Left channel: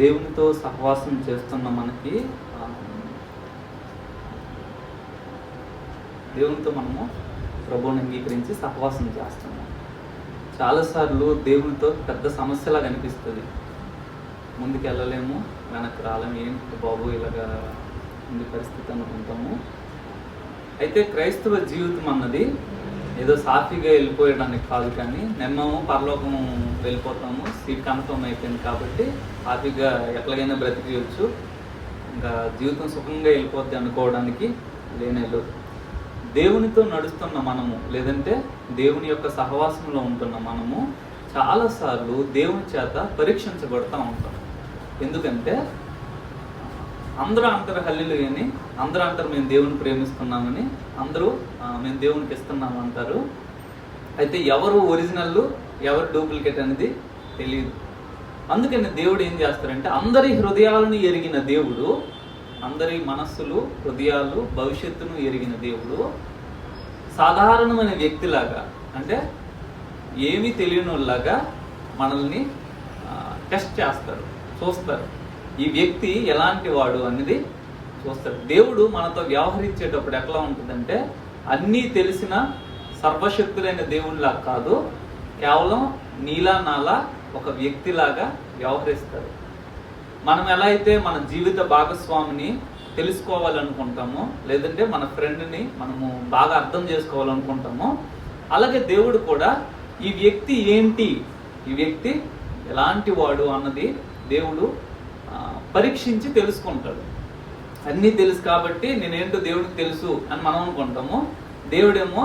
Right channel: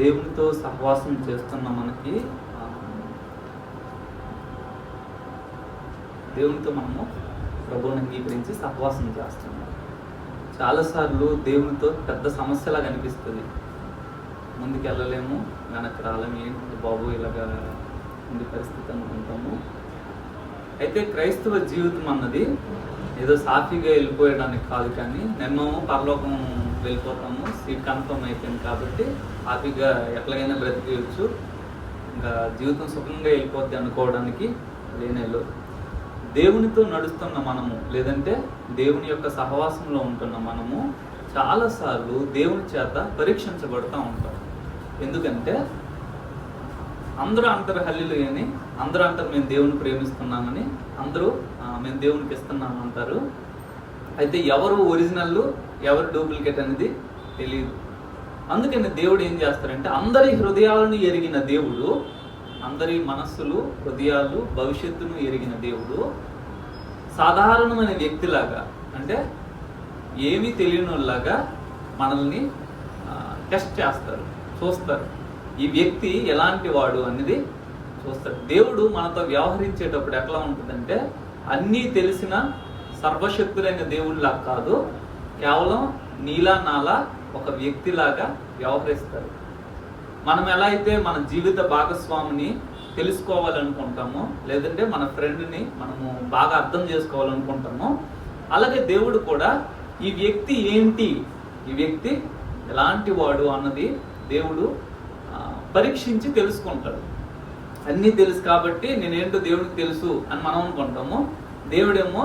దేవునితో సహవాసం చేస్తున్న మనకి దేవునితో మనము ప్రభువుని అంగీకరించి సహవాసం చేస్తున్నాం. చాలాసార్లు దేవునితో పెద్ద సమస్యలా కనిపిస్తుంది. ముందుకు వెళ్ళలేము, వెనక్కి రాలేము, ఏంటి బాబు ఇలాగా ఉంది పరిస్థితి అనుకుంటాము. అయితే క్రైస్తవ జీవితం అన్నది ఏదో సాఫీగా వెళ్ళిపోయడానికి కాదు, కానీ నిన్నము పరలోకం వెళ్ళిపోతాము, సీట్ కన్ఫర్మ్ అయిపోయింది కాబట్టి సాఫీగా ఎట్లాగైనా బ్రతికేయచ్చు, ఇంకా జీవితం సుఖంగా వెళ్ళిపోద్ది అనుకోవడానికి లేనేళ్ళు. దేవునితో నడుస్తున్న మనము, లేదంటే దేవుని యొక్క సహవాసంలో ఉంటున్న మనము చాలాసార్లు దేవుని చేత పరీక్షించబడుతూ ఉంటాం. ఎందుకంటే అందరూ అంటారు హల్లెలూయా అని, అందరూ అంటారు మేము దేవుని ప్రేమిస్తున్నామని, అందరూ మేము దేవునికి ఇస్తున్నాం అంటారు. అయితే ఎవరు ఒరిజినల్ ఎవరు డూప్లికేట్ అనేది తెలియదు. అందుకని దేవుడు ఏం చేస్తారంటే, అందరి హృదయాలను ఎరిగిన దేవుడు, అందరి మనస్సులు హృదయాలు భవిష్యత్తును ఎరిగిన దేవుడు సాధారణమైన వ్యక్తిలాగా, అంటే ఏమీ తెలియనిలాగా మనల్ని టెస్ట్ చేస్తారు, చూస్తారు. ఈ వ్యక్తి ఎలాంటి వాడు అనేది చూస్తారు. దేవుడు మనతో వ్యవహరించేటప్పుడు ఎట్లా ఉంటుందంటే, అన్నీ తెలిసిన సర్వశక్తులైన దేవుడిలా కాదు, కేవలం నీలా నాలా ఒక వ్యక్తిలాగా వ్యవహరిస్తారు. మనం ఎలా అయితే మన జీవిత భాగస్వామిని తెలుసుకోవాలనుకుంటామో, లేదంటే మన ఫ్రెండ్ని మనము బాగా అర్థం చేసుకోవాలనుకుంటామో, అలాగే దేవుడు కూడా ఈ వ్యక్తి ఏంటి, ఈ వ్యక్తి ఎలాంటి వాడు అన్నది దేవుడు పరీక్షించి తెలుసుకుంటాడు. అన్నీ తెలుసు కాబట్టి నేనేంటో దేవుడికి తెలుసు అని మనం అనుకుంటాము. దేవుడేమో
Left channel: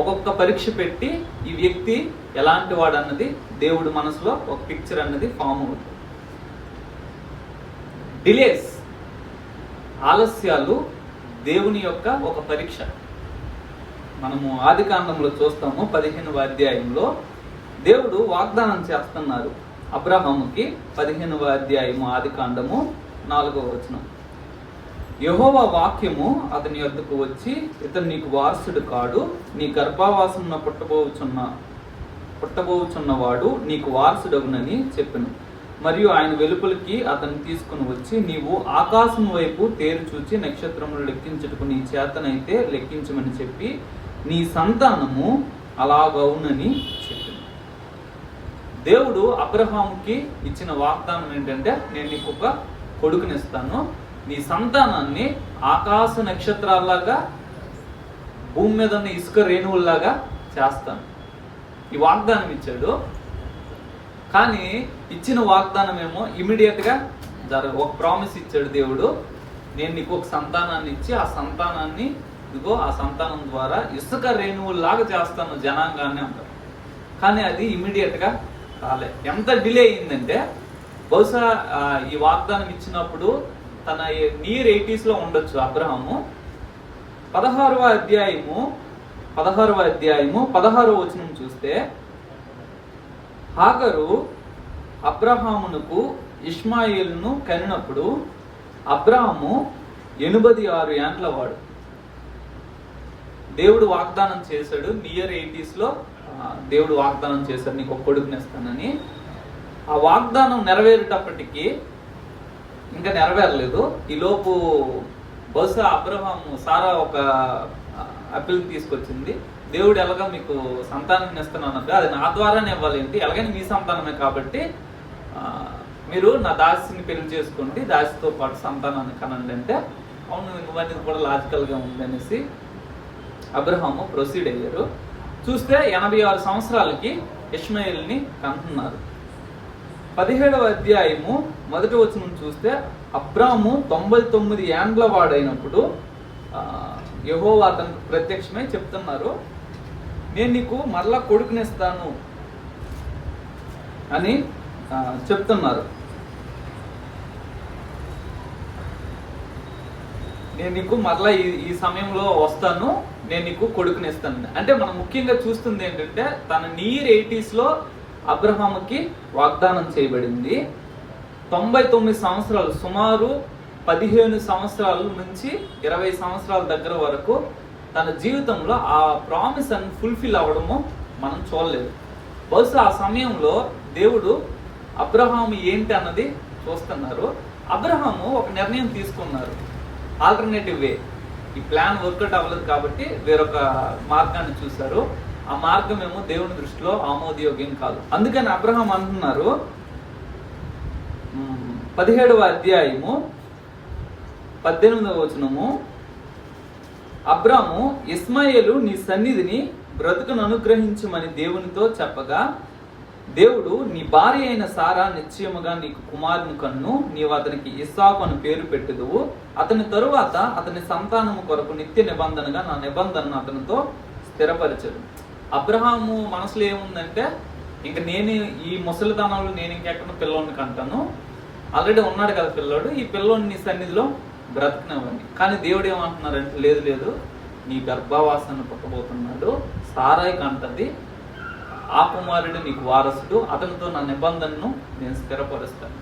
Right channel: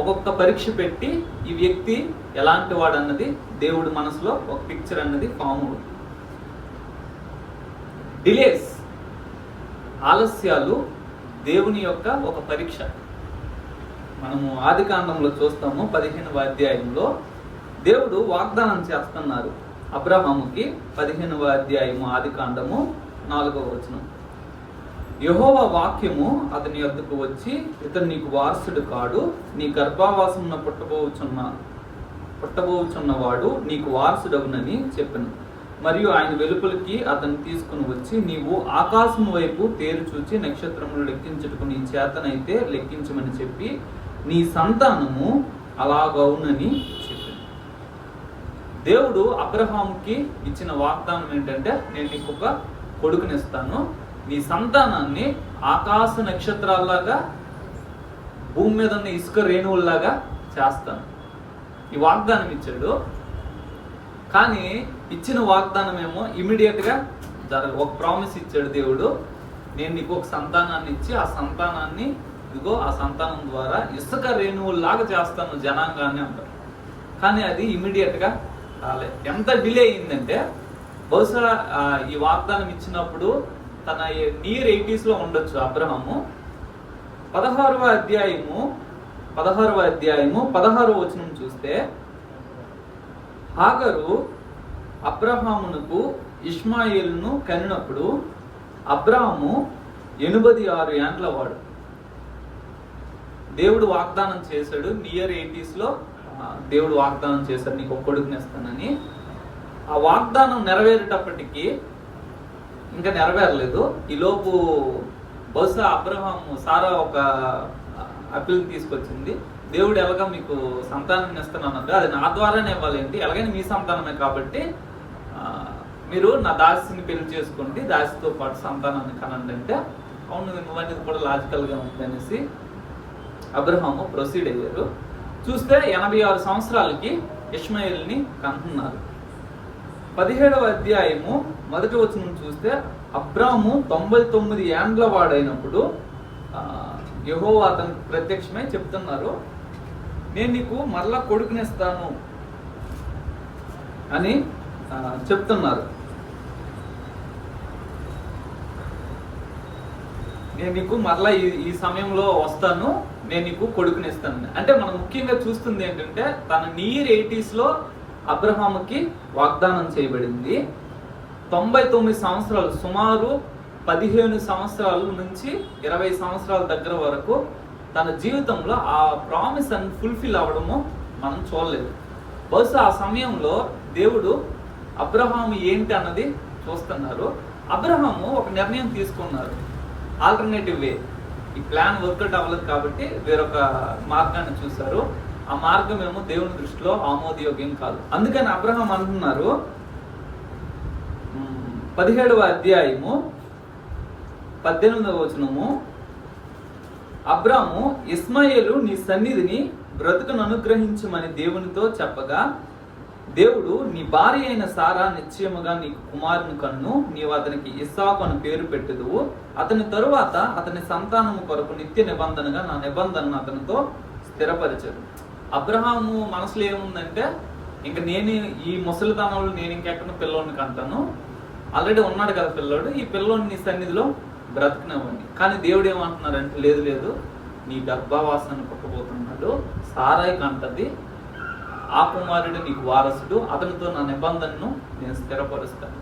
ఒక్కొక్క పరీక్ష పెట్టి ఈ వ్యక్తి ఎలాంటి వాడు అన్నది దేవుడు మనసులో ఒక పిక్చర్ అన్నది ఫామ్. డిలేస్, ఆలస్యాలు దేవుని యొక్క ఒక పరీక్ష. మనము ఆదికాండంలో చూస్తాము, 15వ అధ్యాయంలో దేవుడు వాగ్దానం చేస్తున్నారు అబ్రహాముకి. 15వ అధ్యాయము ఆదికాండము 4వ వచనం. యెహోవా వాక్యము అతని యొద్దకు వచ్చి, ఇతడు నీకు వారసుడు కాడు, నీ గర్భావాసమున పుట్టబోచున్నవాడు నీకు వారసుడగునని చెప్పెను. మరియు ఆయన వెలుపలికి అతను తీసుకుని వచ్చి, నీవు ఆకాశం వైపు తేరు చూచి నక్షత్రములు లెక్కించుటకు నీ చేతనైతే లెక్కించమని చెప్పి, నీ సంతానము అలాగవునని చెప్పింది. దేవుడు అబ్రహాముకి ఇచ్చిన వాగ్దానం ఏంటంటే, నేను నీకు ఒక కొడుకునిస్తాను, నీ సంతానాన్ని ఆకాశ నక్షత్రాల్లాగా భూమి మీద ఉన్న ఇసుక రేణువుల్లాగా చేస్తాను. ఈ వాగ్దానం ఇచ్చాడు. కానీ ఇచ్చిన వాగ్దానం ఏమో ఇమీడియట్ గా ఒక ప్రామిస్ ఇచ్చాడు దేవుడు, నేను నీకు ఒక సంతానాన్ని ఇచ్చి ఆ సంతానాన్ని ఇదిగో ఆ సంతానం ద్వారా ఇసుక రేణువుల్లాగా చేస్తాను జనాంగాన్ని అంటారు. కానీ అది ఇమీడియట్ గా రాలే. ఎంత డిలే అయిందంటే, బహుశా ఈ వాగ్దానం ఇచ్చినప్పుడు తన నియర్ 80s లో ఉండొచ్చు అబ్రహాము. 16వ అధ్యాయము 16వ వచనం చూస్తే, హాగరు అబ్రహామునకు ఇష్మాయేలును కనినప్పుడు అబ్రహాము 86 ఏండ్ల వాడు. దేవుడు వాగ్దానం చేశాడు, నియర్ 80s లో దేవుడు వాగ్దానం చేశాడు, నీకు ఒక కొడుకునిస్తానని. ఆ వాగ్దానం నెరవేరేటప్పటికి ఇంకా నెరవేరలేదు. ఈలోపు బహుశా అబ్రహాము సారా ఒక అప్పీల్ తీసుకొచ్చింది, దేవుడు ఎలాగా మీకు సంతానం ఇస్తున్నానంటే అది నా ద్వారానే ఇవ్వాలేంటి, ఎలాగైనా మీ సంతానమే కాబట్టి మీరు నా దాసిని పెళ్లి చేసుకోండి, దాసితో పాటు సంతానాన్ని కనండి అంటే, అవును ఇవన్నీ కూడా లాజికల్ గా ఉంది అనేసి అబ్రహాము ప్రొసీడ్ అయ్యారు. చూస్తే 86 సంవత్సరాలకి ఇష్మాయేల్ని కంటున్నారు. 17వ అధ్యాయము 1వ వచనం చూస్తే, అబ్రాము 99 ఏండ్ల వాడైనప్పుడు యెహోవా అతనికి ప్రత్యక్షమై చెప్తున్నారు, నేను నీకు మరలా కొడుకునిస్తాను అని చెప్తున్నారు. నేను నీకు మరలా ఈ సమయంలో వస్తాను, నేను నీకు కొడుకునిస్తాను. అంటే మనం ముఖ్యంగా చూస్తుంది ఏంటంటే, తన నియర్ 80s లో అబ్రహాముకి వాగ్దానం చేయబడింది. 99 సంవత్సరాలు, సుమారు 15 సంవత్సరాల నుంచి 20 సంవత్సరాల దగ్గర వరకు తన జీవితంలో ఆ ప్రామిస్ అని ఫుల్ఫిల్ అవ్వడము మనం చూడలేదు. బహుశా ఆ సమయంలో దేవుడు అబ్రహాము ఏంటి అన్నది చూస్తున్నారు. అబ్రహాము ఒక నిర్ణయం తీసుకున్నారు, ఆల్టర్నేటివ్ వే. ఈ ప్లాన్ వర్కౌట్ అవ్వలేదు కాబట్టి వేరొక మార్గాన్ని చూశారు. ఆ మార్గం ఏమో దేవుని దృష్టిలో ఆమోదయోగ్యం కాదు. అందుకని అబ్రహాం అంటున్నారు 17వ అధ్యాయము 18వ వచనము, అబ్రాము ఇస్మాయేలు నీ సన్నిధిని బ్రతుకును అనుగ్రహించమని దేవునితో చెప్పగా, దేవుడు నీ భార్య అయిన సారా నిశ్చయముగా నీకు కుమారుని కన్ను, నీవు అతనికి ఇస్సాకు అని పేరు పెట్టుదువు. అతని తరువాత అతని సంతానము కొరకు నిత్య నిబంధనగా నా నిబంధనను అతనితో స్థిరపరచదు. అబ్రహాము మనసులో ఏముందంటే, ఇంక నేను ఈ ముసలితనంలో నేను ఇంకెక్కడ పిల్లోడిని కంటాను, ఆల్రెడీ ఉన్నాడు కదా పిల్లోడు, ఈ పిల్లోడిని నీ సన్నిధిలో బ్రతకనివ్వండి. కానీ దేవుడు ఏమంటున్నారంటే, లేదు లేదు, నీ గర్భవాసాన్ని పుట్టబోతున్నాడు, సారాయి కంటది, ఆ కుమారుడు నీకు వారసుడు, అతనితో నా నిబంధనను నేను స్థిరపరుస్తాను.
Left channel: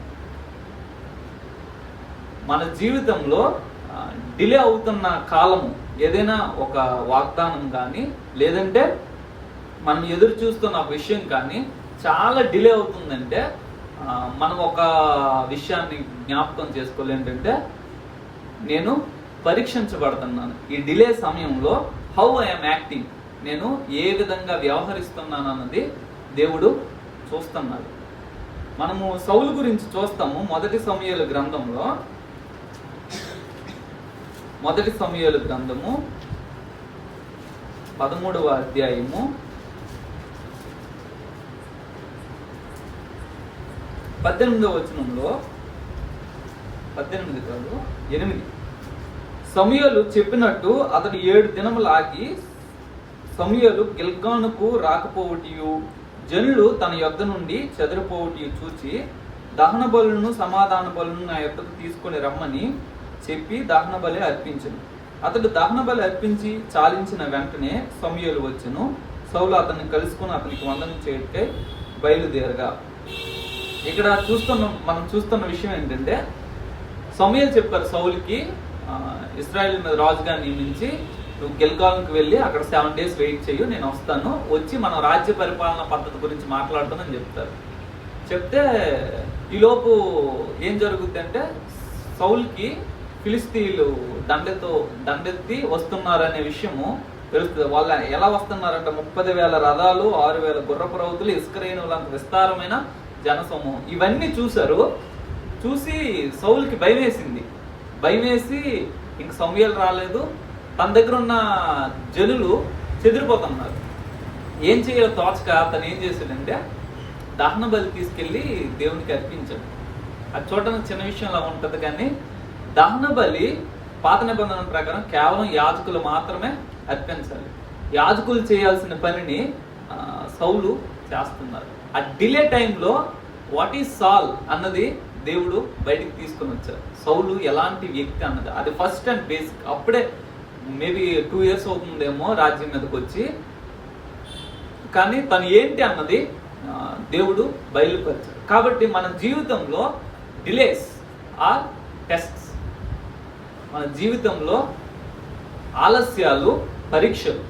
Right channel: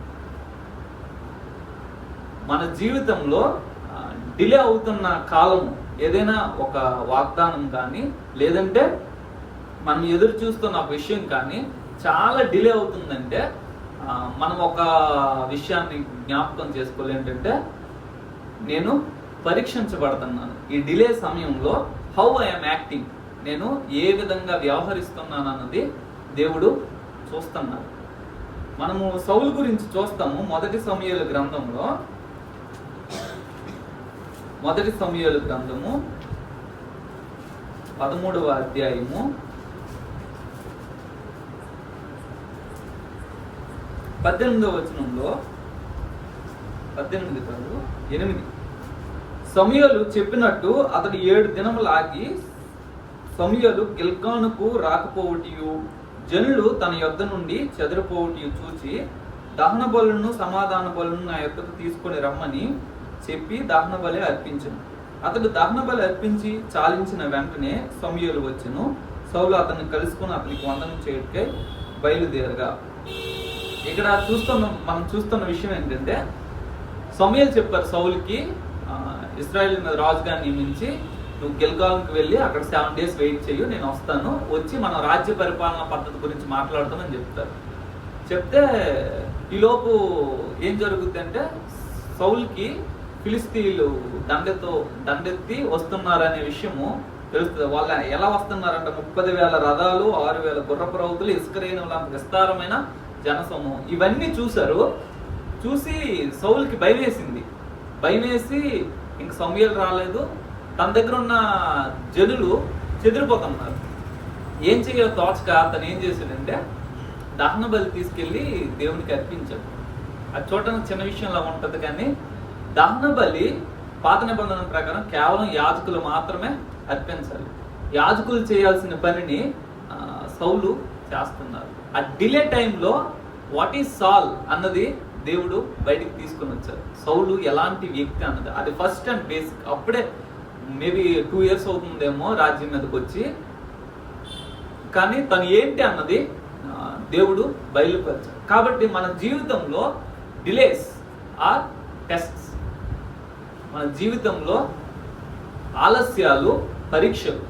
మన జీవితంలో డిలే అవుతున్న కాలం ఏదైనా ఒక వాగ్దానం కానీ, లేదంటే మనం ఎదురు చూస్తున్న విషయం కానీ చాలా డిలే అవుతుందంటే, మనం ఒక విషయాన్ని జ్ఞాపకం చేసుకోవాలి, ఏంటంటే నేను పరీక్షించబడుతున్నాను. ఈ డిలే సమయంలో హౌ ఐఎమ్ యాక్టింగ్, నేను ఏ విధంగా వ్యవహరిస్తున్నాను అన్నది దేవుడు చూస్తున్నాడు. మనము సౌలు గురించి చూస్తాము. మొదటి సమూయేలు గ్రంథము 13వ అధ్యాయము 18వ వచనంలో 8 సమూయేలు చెప్పినట్టు అతడు 7 దినములు ఆగి సమూయేలు గిల్గానుకు రాకపోవటియు జనులు తన యొద్ద నుండి చెదరిపోవటియు చూచి, దహన బలులను సమాధాన బలులను నా యొద్దకు తీసుకొని రమ్మని చెప్పి దహన బలి అర్పించను. అతడు దహన బలి అర్పించి చాలించిన వెంటనే సమూయేలు వచ్చెను. సౌలు అతన్ని కలుసుకుని అతనికి వందనం చేయటకై బయలుదేరగా. ఇక్కడ మనం చూస్తున్న విషయం ఏంటంటే, సమూయేలు చెప్పారు సౌలుకి, ఇశ్రాయేల్ మీద రాజుగా నియమించి నువ్వు గిల్గాల్కి వెళ్ళి అక్కడ 7 days వెయిట్ చేయు, నేను వస్తాను, వచ్చి మనం రాజ్య పరిపాలన పద్ధతి గురించి మాట్లాడుతానని చెప్తారు. చెప్తే ఈలోపు ఏం జరుగుద్ది అంటే, సౌలుకి ఫిలిస్తీన్లు దండెత్తి వస్తున్నారనే విషయము తెలుస్తుంది. వాళ్ళు ఎలా వస్తున్నారంటే 30,000 రథాలు, 6,000 గుర్రపు రౌతులు, ఇసుకరేణులంత విస్తారమైన జనసమూహం. ఇవన్నీ చూశారు. చూసి సౌలుకి భయం వేసి ఇంక సమూయేలు రాలేదు, తన దగ్గర ఉన్న జనులు చెదిరిపోతున్నారు. ఏం చేయాలో తోచక అతను ఏం చేశాడంటే, దహన బలి తీసుకెళ్లి దేవునికి అర్పించాడు. అది చూడడానికి చిన్న విషయంలా ఉంటుంది, కానీ దహన బలి పాత నిబంధన ప్రకారం కేవలం యాజకులు మాత్రమే అర్పించాలి. యాజకులు చేయాల్సిన పనిని సౌలు చేస్తున్నారు. ఆ డిలే టైంలో వాట్ ఈజ్ సాల్ అన్నది దేవుడు బయటికి తీసుకొని వచ్చారు. సౌలు ఎలాంటి వ్యక్తి అన్నది అది ఫస్ట్ అండ్ బేసిక్. అప్పుడే మేబీ 2 years అవుతుందేమో రాజ్యం మీదకి వచ్చి, కానీ తను ఏంటి అన్నది దేవుడు బయలుపరిచారు. కాబట్టి మన జీవితంలో డిలేస్ ఆర్ టెస్ట్స్. మన జీవితంలో ఆలస్యాలు పరీక్షలు.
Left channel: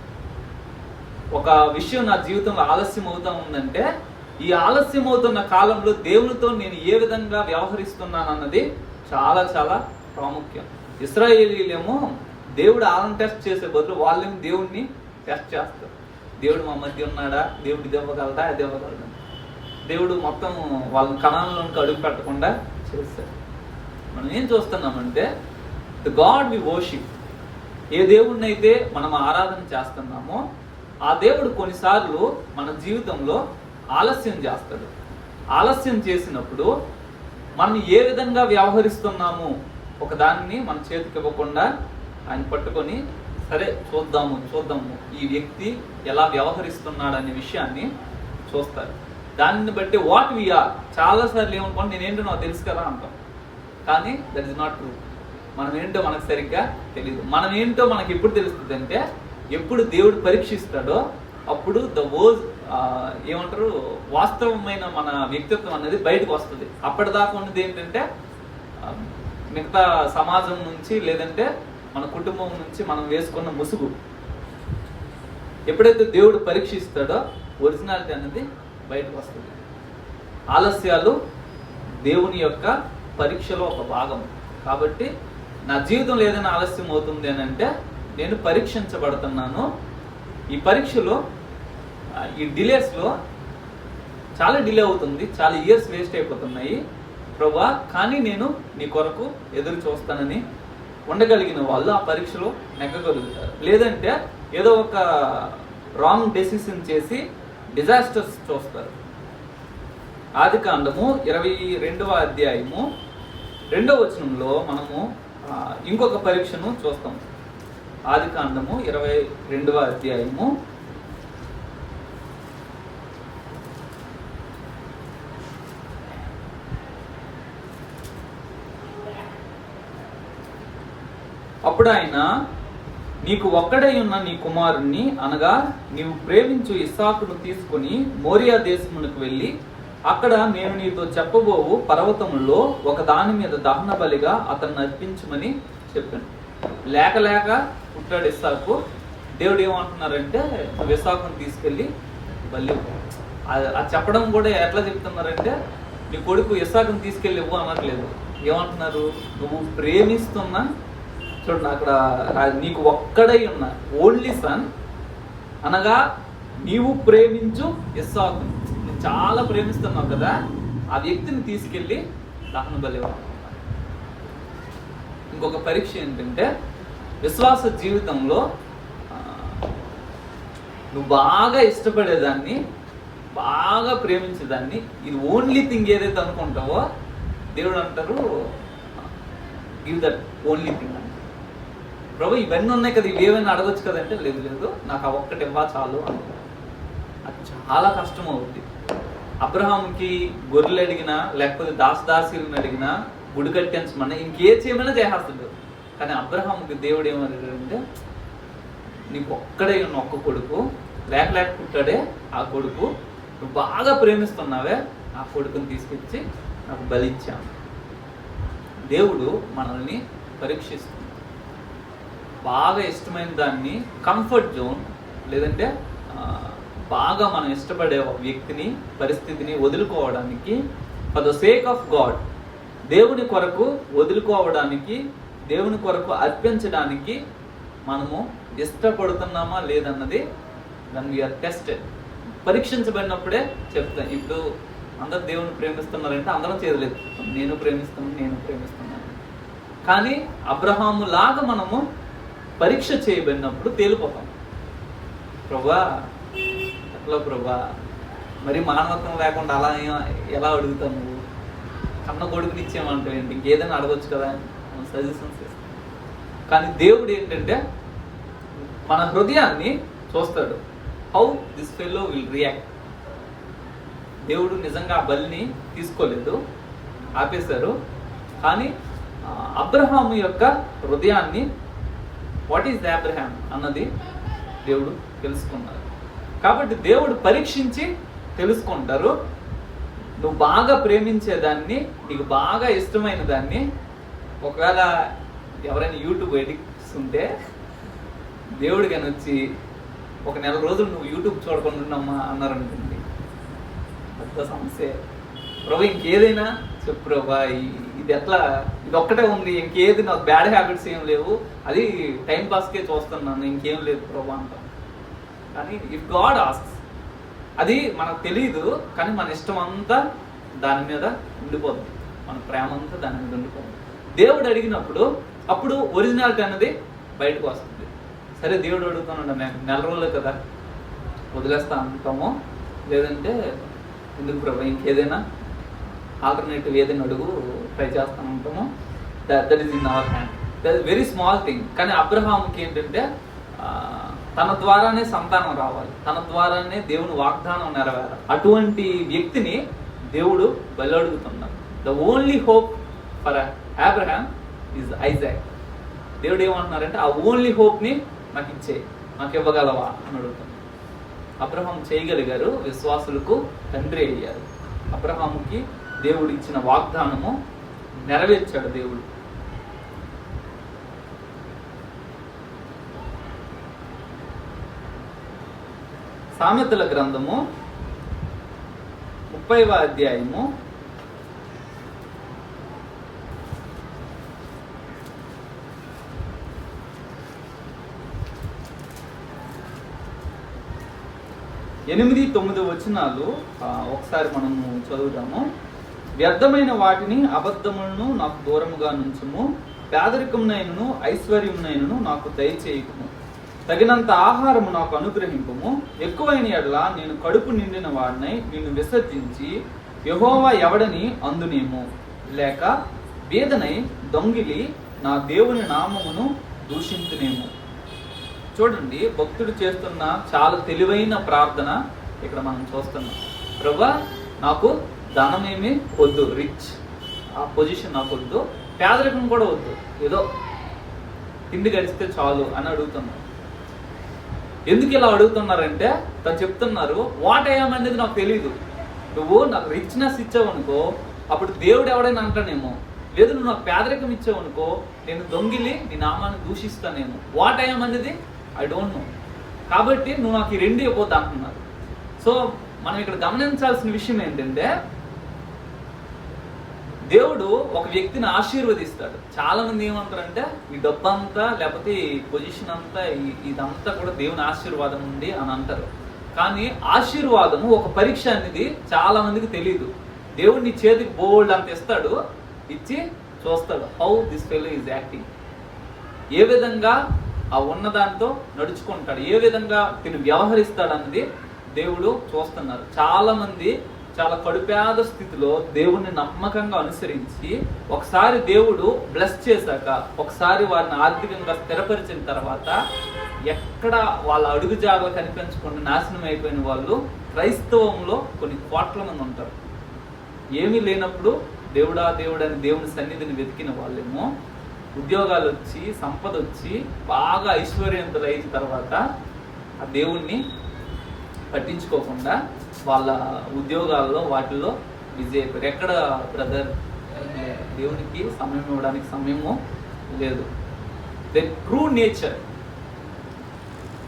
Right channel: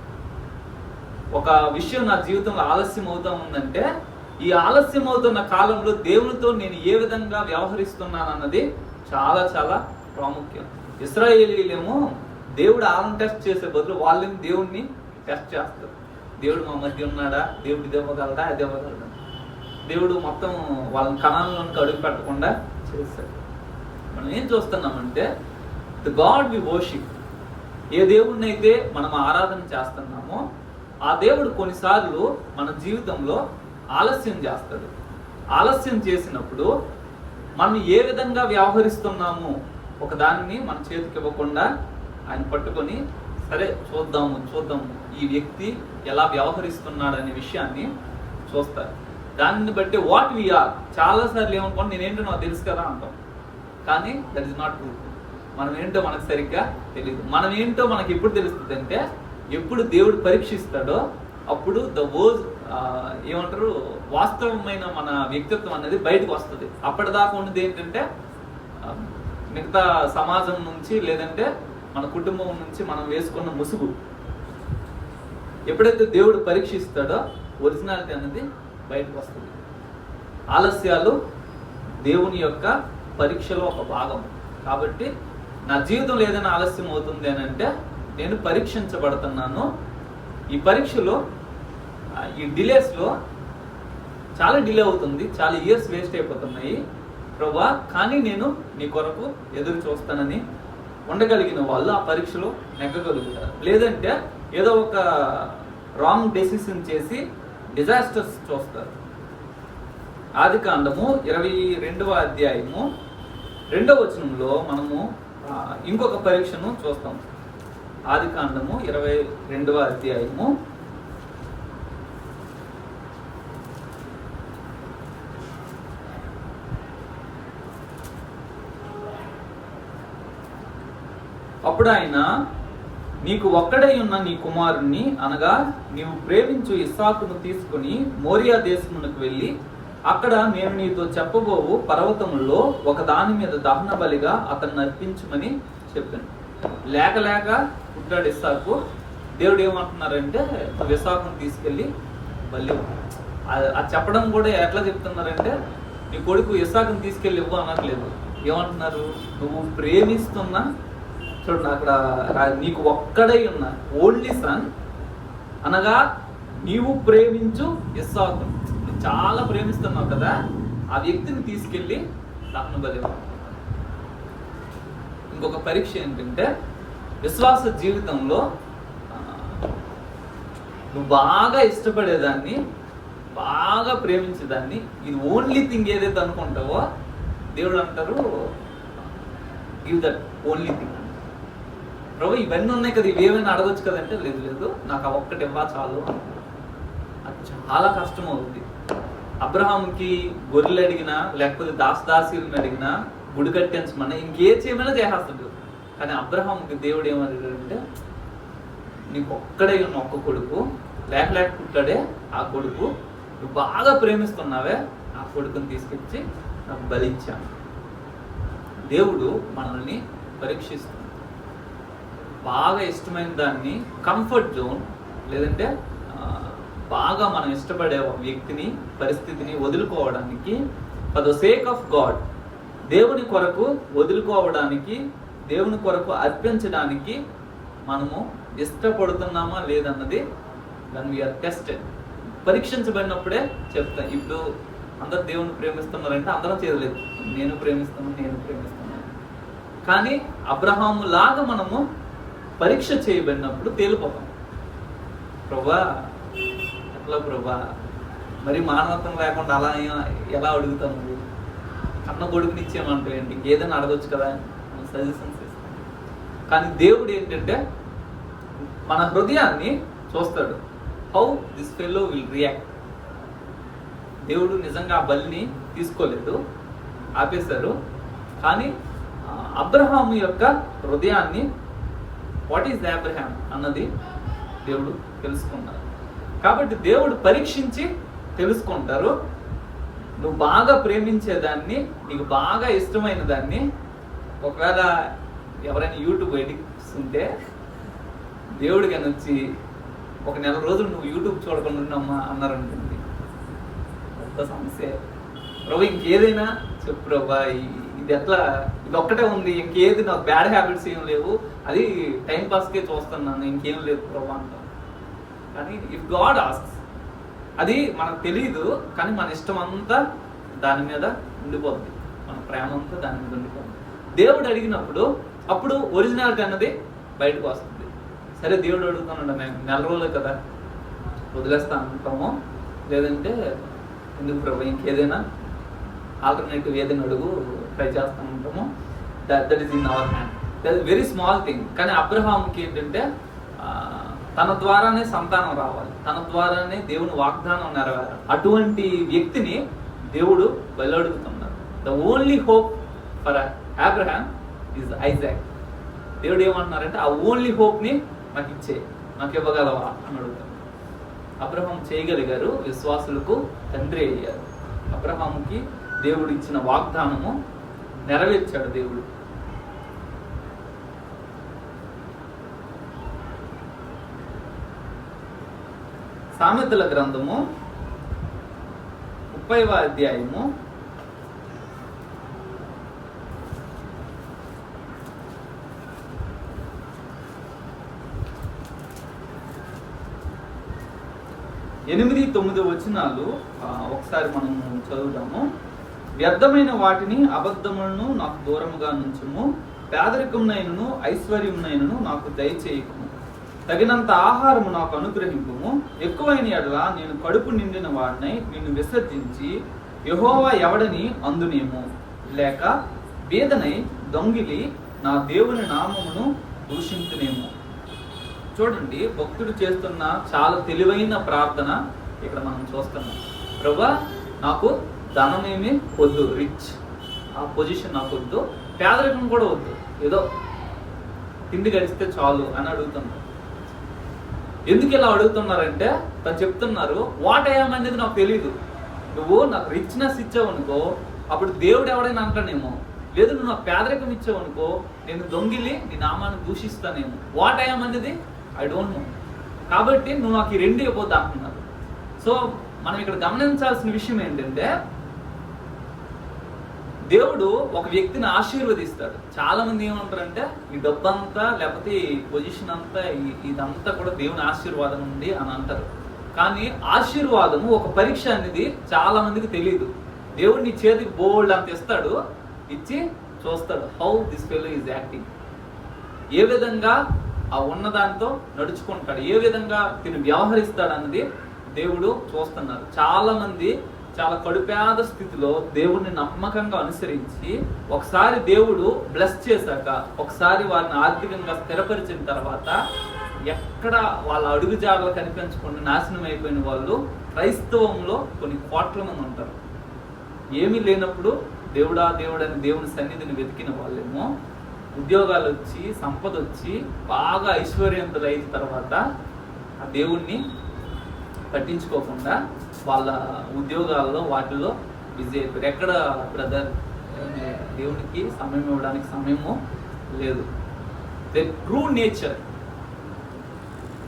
ఒక విషయం నా జీవితంలో ఆలస్యం అవుతా ఉందంటే, ఈ ఆలస్యం అవుతున్న కాలంలో దేవునితో నేను ఏ విధంగా వ్యవహరిస్తున్నాను అన్నది చాలా చాలా ప్రాముఖ్యం. ఇశ్రాయేలీలేమో దేవుడు వాళ్ళని టెస్ట్ చేసే బదులు వాళ్ళని దేవుడిని టెస్ట్ చేస్తారు. దేవుడు మా మధ్య ఉన్నాడా, దేవుడు ఇది ఇవ్వగలడా, అది ఇవ్వగలడా, దేవుడు మొత్తం వాళ్ళని కణాలలోకి అడుగు పెట్టకుండా చేస్తారు. మనం ఏం చూస్తున్నామంటే, ద గాడ్ వి వర్షిప్, ఏ దేవుడిని అయితే మనం ఆరాధన చేస్తున్నామో ఆ దేవుడు కొన్నిసార్లు మన జీవితంలో ఆలస్యం చేస్తాడు. ఆలస్యం చేసినప్పుడు మనం ఏ విధంగా వ్యవహరిస్తున్నాము, ఒక దాన్ని మన చేతికి ఇవ్వకుండా ఆయన పట్టుకొని, సరే చూద్దాము ఈ వ్యక్తి ఎలా వ్యవహరిస్తున్నాడు అనే విషయాన్ని చూస్తారు. దానిని బట్టి వాట్ వి ఆర్, చాలాసార్లు ఏమనుకోండి నేనేంటో నాకు తెలుసు కదా అంటాం, కానీ దట్ ఈస్ నాట్ ట్రూ. మనం ఏంటో మనకు సరిగ్గా తెలియదు. మనం ఏంటో మనకి ఎప్పుడు తెలుస్తుంది అంటే, ఎప్పుడు దేవుడు పరీక్షిస్తాడో అప్పుడు ఏమంటారు, వాస్తవమైన మన వ్యక్తిత్వం అనేది బయటకు వస్తుంది. అప్పటిదాకా ఉన్నది ఏంటంటే మిగతా సమాజం నుంచి, లేదంటే మన కుటుంబం నుంచి మనం వేసుకున్న ముసుగు. ఎప్పుడైతే దేవుడు పరీక్షిస్తాడో ఒరిజినాలిటీ అనేది బయటకు వస్తుంది. ఆలస్యాలు దేవుని యొక్క పరీక్షలో ఒక భాగం. కాబట్టి నా జీవితంలో ఏదైనా ఆలస్యం అవుతుంది అని అంటే నేను పరీక్షించబడుతున్నాను. ఈ పరీక్షలో ఈ డిలేస్లో చాలా డిలే అవుతుంది, చాలా ఇయర్స్ వేస్ట్ అయిపోతున్నాయి ప్రభా, కానీ నేను నీ కొరకు ఎదురు చూస్తానని ఉండగలిగిన వాళ్ళు ఆ పరీక్షలో నెగ్గగలుగుతారు. లేదంటే ఏదో ఒక రాంగ్ డెసిషన్ చేసి డిజాస్టర్స్ చూస్తారు. ఆదికాండము 22వ అధ్యాయము 2వ వచనంలో మనము ఇంకొక పరీక్షను చూస్తాం. ఆదికాండము 22వ అధ్యాయము 1 అప్పుడు ఆయన, నీకు ఒక్కడై ఉన్న నీ కుమారుణ్ణి అనగా నీవు ప్రేమించు ఇస్సాకును తీసుకుని మోరియా దేశమునకు వెళ్ళి అక్కడ నేను నీతో చెప్పబోవు పర్వతంలో ఒక దాని మీద దహన బలిగా అతన్ని అర్పించమని చెప్పాను. లేక లేక ఉంటాడు ఇస్సాకు. దేవుడు ఏమంటున్నారంటే నువ్వు ఇస్సాకును తీసుకెళ్ళి బలి. అది చెప్పడం కూడా ఎట్లా చెప్తున్నారంటే నీ కొడుకు ఇస్సాకును తీసుకెళ్ళి ఇవ్వు అనట్లేదు. ఏమంటున్నారు, నువ్వు ప్రేమిస్తున్న, చూడండి అక్కడ నీకు ఒక్కడై ఉన్న ఓన్లీ సన్ అనగా నీవు ప్రేమించు ఇస్సాకును, చాలా ప్రేమిస్తున్నావు కదా, ఆ వ్యక్తిని తీసుకెళ్ళి దహన బలి. ఇంకొక పరీక్ష ఏంటంటే విశ్వాస జీవితంలో నువ్వు బాగా ఇష్టపడేదాన్ని, బాగా ప్రేమించేదాన్ని, ఇది ఓన్లీ థింగ్ ఏదైతే అనుకుంటావో దేవుడు అంటారు గివ్ దట్ ఓన్లీ థింగ్. ప్రభు ఇవన్నీ ఉన్నాయి కదా, ఇవేమైనా అడగొచ్చు కదంటే లేదు లేదు నాకు ఆ ఒక్కటి ఇవ్వ చాలు అంటారు. అది చాలా కష్టం అవుతుంది. అబ్రహాంకి గొర్రెలు అడిగినా లేకపోతే దాసదాసీలను అడిగినా గుడి కట్టించమన్నా ఇంకే చేయమైనా చేసేస్తాడు. కానీ అబ్రహాంకి దేవుడు ఏమన్నాడంటే నీకు ఒక్కడే ఉన్న ఒక్క కొడుకు, లేక పుట్టాడే ఆ కొడుకు, నువ్వు బాగా ప్రేమిస్తున్నావే ఆ కొడుకుని తీసుకొచ్చి నాకు బలిచ్చాను. దేవుడు మనల్ని పరీక్షిస్తుంది. బాగా ఇష్టమైన దాన్ని, కంఫర్ట్ జోన్ లేదంటే బాగా మనం ఇష్టపడే వ్యక్తిని, పరిస్థితిని వదులుకోవడానికి for the sake of God, దేవుని కొరకు వదులుకోవడానికి, దేవుని కొరకు అర్పించడానికి మనము ఇష్టపడుతున్నామా లేదన్నది when we are tested, పరీక్షించబడినప్పుడే చెప్తాను. ఇప్పుడు అందరు దేవుని ప్రేమిస్తున్నారంటే అందరం చేయలేదు, నేను ప్రేమిస్తున్నాను. కానీ అబ్రహాము లాగా మనము పరీక్ష చేయబడినప్పుడు తేలిపోతాం. ప్రభా ఎట్లా ప్రభా, మరి మానవత్వం లేకుండా అలా ఎలా అడుగుతాం, నువ్వు కన్న కొడుకుని ఇచ్చేయమంటావు ఏంటి, ఇంకేదైనా అడగొచ్చు కదా అని సజెషన్స్ ఇస్తాం. కానీ దేవుడు ఏంటంటే మన హృదయాన్ని చూస్తాడు. How this fellow will react. దేవుడు నిజంగా ఆ బలిని తీసుకోలేదు, ఆపేశారు. కానీ అబ్రహాము యొక్క హృదయాన్ని, వాట్ ఈస్ అబ్రహాం అన్నది దేవుడు తెలుసుకున్నారు. కాబట్టి దేవుడు పరీక్షించి తెలుసుకుంటారు. నువ్వు బాగా ప్రేమించేదాన్ని, నీకు బాగా ఇష్టమైన దాన్ని, ఒకవేళ ఎవరైనా యూట్యూబ్ ఎడిక్ట్స్ ఉంటే దేవుడు కానీ వచ్చి ఒక నెల రోజులు నువ్వు యూట్యూబ్ చూడకుండా ఉన్నామా అన్నారనుకుంది, ఒక్క సమస్య. ప్రభు ఇంకేదైనా చెప్పు ప్రభా, ఇది ఎట్లా, ఇది ఒక్కటే ఉంది, ఇంకేది నాకు బ్యాడ్ హ్యాబిట్స్ ఏం లేవు, అది టైం పాస్కే చూస్తున్నాను, ఇంకేం లేదు ప్రభా అంటాం. కానీ ఇఫ్ గాడ్ ఆస్క్స్, అది మనకు తెలియదు, కానీ మన ఇష్టం అంతా దాని మీద ఉండిపోతుంది, మన ప్రేమ అంతా దాని మీద ఉండిపోతుంది. దేవుడు అడిగినప్పుడు అప్పుడు ఒరిజినాలిటీ అన్నది బయటకు వస్తుంది. సరే దేవుడు అడుగుతాను, మేము నెల రోజులే కదా వదిలేస్తా అంటాము, లేదంటే ఎందుకు ప్రభు ఇంకేదైనా ఆల్టర్నేటివ్ ఏదైనా అడుగు, ట్రై చేస్తూ ఉంటాము. That is in our hand. That is very small thing. కానీ అబ్రహాంకి ఏంటంటే తన ద్వారానే సంతానం రావాలి, తన ద్వారానే దేవుని వాగ్దానం నెరవేరాలి. అటువంటి వ్యక్తిని దేవుడు వెల్లడుగుతున్నారు. The only hope for Abraham is Isaac. దేవుడు ఏమంటున్నారంటే ఆ ఓన్లీ హోప్ని నాకు ఇచ్చే, నాకు ఇవ్వగలవా అని అడుగుతారు. అబ్రహాం చేయగలిగారు, విశ్వాసులకు తండ్రి అయ్యారు. అబ్రహాముకి దేవుడు ఇచ్చిన వాగ్దానము నెరవేర్చాడు దేవుడు. సామెతల గ్రంథము 30వ అధ్యాయము 8-9 వచనాలు ఒకసారి మనం చదువుదాము. వ్యర్థమైన వాటిని అబద్ధములను నాకు దూరముగా నుంచుము, పేదరికమునైనను ఐశ్వర్యమునైనను నాకు దయచేయకుము, తగినంత ఆహారము నాకు అనుగ్రహింపుము. ఎక్కువైన ఎడల నేను కడుపు నిండిన వాడినై నిన్ను విసర్జించి యెహోవా ఎవడని అందునేమో, లేక బీదనై దొంగిలి నా దేవుని నామమును దూషించునేమో. చూడండి, భక్తుడు చేస్తున్న చాలా తెలివైన ప్రార్థన ఇక్కడ మనం చూస్తున్నాం. ప్రభువా, నాకు ధనమేమి వద్దు, రిచ్ ఆ పొజిషన్ నాకు వద్దు, పేదరికం కూడా వద్దు, ఏదో తిండి గడిస్తే చాలు అని అడుగుతున్నారు. ఎందుకు ఇలా అడుగుతున్నారంటే తను చెప్తున్నారు, వాట్ ఐఎమ్ అనేది నాకు తెలియదు. నువ్వు నాకు రిచ్నెస్ ఇచ్చావనుకో అప్పుడు దేవుడు ఎవడైనా అంటానేమో, లేదు నువ్వు నాకు పేదరికం ఇచ్చావనుకో నేను దొంగిలి నీ నామాన్ని దూషిస్తానేమో. వాట్ ఐఎమ్ అనేది ఐ డోంట్ నో. కాబట్టి నువ్వు నాకు ఈ 2 ఇవ్వద్దు అంటున్నారు. సో మనం ఇక్కడ గమనించాల్సిన విషయం ఏంటంటే, దేవుడు ఒక వ్యక్తిని ఆశీర్వదిస్తాడు. చాలా మంది ఏమంటారంటే ఈ డబ్బు అంతా లేకపోతే ఈ పొజిషన్ అంతా ఇదంతా కూడా దేవుని ఆశీర్వాదం ఉంది అని అంటారు. కానీ ఆశీర్వాదము ఒక పరీక్ష అనేది చాలా మందికి తెలియదు. దేవుడు నీ చేతికి బోల్డ్ అంత ఇస్తాడు, ఇచ్చి చూస్తాడు how this fellow is acting, ఏ విధంగా ఆ ఉన్నదాంతో నడుచుకుంటాడు, ఏ విధంగా తిని వ్యవహరిస్తాడు అన్నది దేవుడు చూస్తున్నారు. చాలా మంది చాలా కడుపేద స్థితిలో దేవుణ్ణి నమ్మకంగా అనుసరించి ఒకసారి దేవుడు బ్లెస్ చేశాక, ఒకసారి వారిని ఆర్థికంగా స్థిరపరిచిన తర్వాత ఎక్కడ వాళ్ళ అడుగుజాడలు కనిపించకుండా నాశనం అయిపోయిన వాళ్ళు క్రైస్తవంలో కొన్ని కోట్ల మంది ఉంటారు. ఏమీ లేనప్పుడు దేవుడా దేవుడు అని దేవుని సన్నిధిని వెతికిన వాళ్ళేమో ఉద్యోగాలు వచ్చి సంపద వచ్చి బాగా ఐశ్వర్యవంతులు అయిన తర్వాత ఆ దేవుణ్ణి పట్టించుకోకుండా వాళ్ళ ఉద్యోగాల్లో వాటిల్లో బిజీ అయిపోయారు. ఎక్కడ బ్రదర్ దేవునికి సమయం ఇవ్వడానికి సమయము లేదు. They true nature.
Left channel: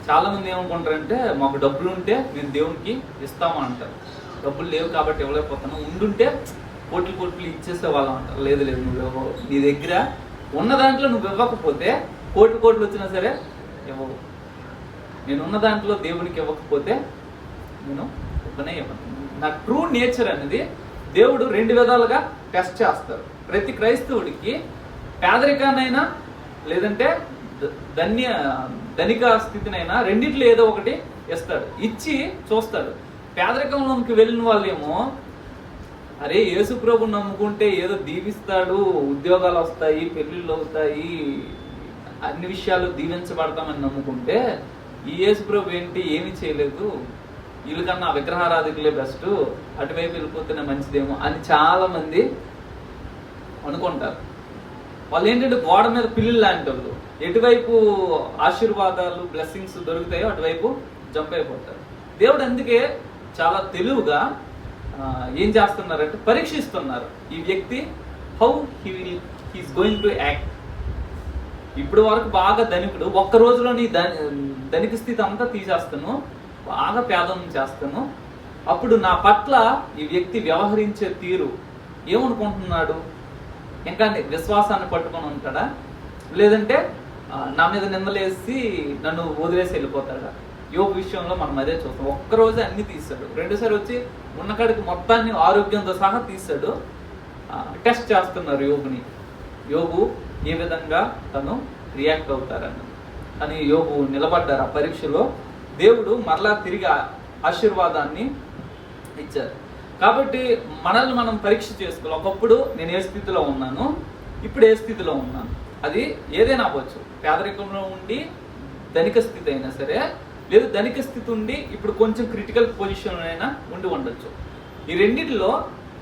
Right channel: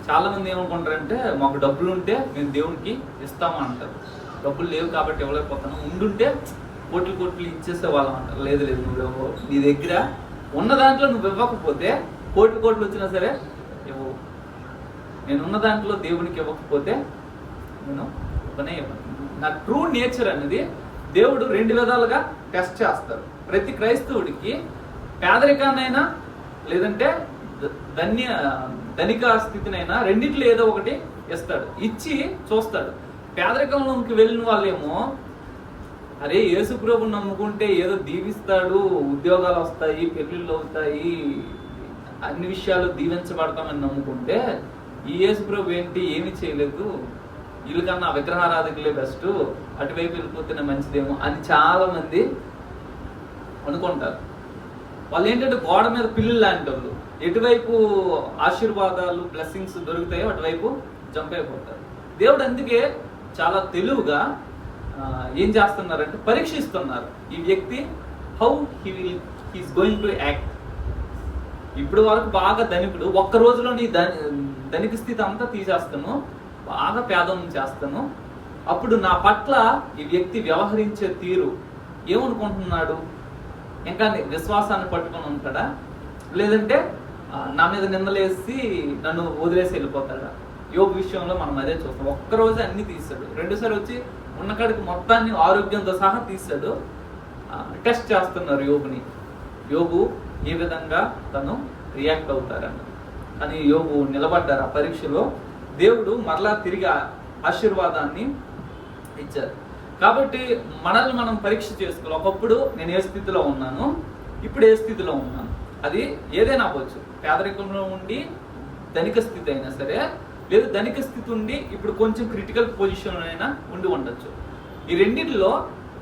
చాలా మంది ఏమనుకుంటారంటే మాకు డబ్బులు ఉంటే మేము దేవునికి ఇస్తామని అంటారు. డబ్బులు లేవు కాబట్టి ఇవ్వలేకపోతాను, ఉండుంటే కోట్లు ఇచ్చేసే వాళ్ళం అంటారు. లేదు నువ్వు నీ దగ్గర ఉన్న దాంట్లో నువ్వు ఇవ్వకపోతే కోట్లు వచ్చినా సరే ఇవ్వవు. నేను ఉన్న దాంట్లో దేవునికి ఇవ్వకపోతే నేను ఇవ్వనే ఇవ్వను. నా ట్రూ నేచర్ అనేది దేవుడు 2 విధాలుగా టెస్ట్ చేస్తారు. ప్రతి క్రైస్తవుడికి పేదరికాన్నైనా లేదంటే ధనిక స్థితినైనా రెండిట్లో ఏదో ఒకటి ఇస్తాడు, ఇచ్చి చూస్తాడు. పేదరికంలోకి వెళ్ళిన వాళ్ళేమో అరే యేసు ప్రభు నమ్ముకుంటే ఏదో దీవిస్తాడు, ఉద్యోగాలు వస్తాయి, పెళ్లిళ్ళు అవుతాయి, అన్ని విషయాలు దీవించబడతామని నమ్ముకుంటే ఈ యేసు ప్రభు ఏంటి ఏమీ చేయలేదు, వీళ్ళకన్నా విగ్రహారాధకులే బెస్ట్, అటువైపు వెళ్ళిపోతేనే మంచిదేమో అని చాలా మంది అనుకుంటారు. వాళ్ళు ఏంటంటే గోడ మీద పిల్లలు లాంటి వాళ్ళు, ఎటువైపు ఆశీర్వాదాలు బ్లెస్సింగ్స్ దొరుకుతాయో అటువైపు జంప్ అయిపోతారు. దేవుడు అందుకే చాలా తెలివిగా ఏం చేస్తున్నారంటే పరీక్షిస్తున్నారు. ఈ వ్యక్తి how he's going to act. ఇప్పుడు వరకు బాగా ధనికుడు, ఒక్క రోజులో నీ ధనిక స్థితి అంతా తీసేస్తాను, బాగా పేదం చేస్తాను, అప్పుడు నా పట్ల ఈ వ్యక్తి వ్యవహరించే తీరు ఏమనుకుంటున్నాడు? ఇంకా విశ్వాసాన్ని పట్టుకొని ఉంటాడా, లేదంటే నా మీద నిందలేసి నన్ను వదిలేసి వెళ్ళిపోతాడా? యోగ విషయంలో మనం అదే చూస్తాం. ఒక్కరోజు అన్ని తీసాడు, 2సారి వచ్చి ఉన్నకాడికి మొత్తాన్ని ఆరోగ్యంతో సహా తీసాడు. టెస్ట్ చేస్తున్నారు యోగుని, యోగు ఏ విధంగా తను రియాక్ట్ అవుతారని. అని యోగు నిలబడ్డారు ఆ పరీక్షలో. దేవుడు మరలా తిరిగి ఆశీర్వాదాన్ని ఇచ్చారు. కాబట్టి మనల్ని మనం పరీక్ష చేసుకోవాలి. ఒకప్పుడు నేను ఏ స్థితిలో ఉన్నాను, ఇప్పుడు ఏ స్థితిలో ఉన్నాను, అది ఏదైనా అవ్వచ్చు. పేదరికంలో ఉండి ధనిక స్థితి అయినా సరే, లేదు ధనిక స్థితి ఉండి ఇప్పుడు కొంచెం క్రిటికల్ పొజిషన్ అయినా ఉండి ఉండొచ్చు. ఈ రెండింటిలో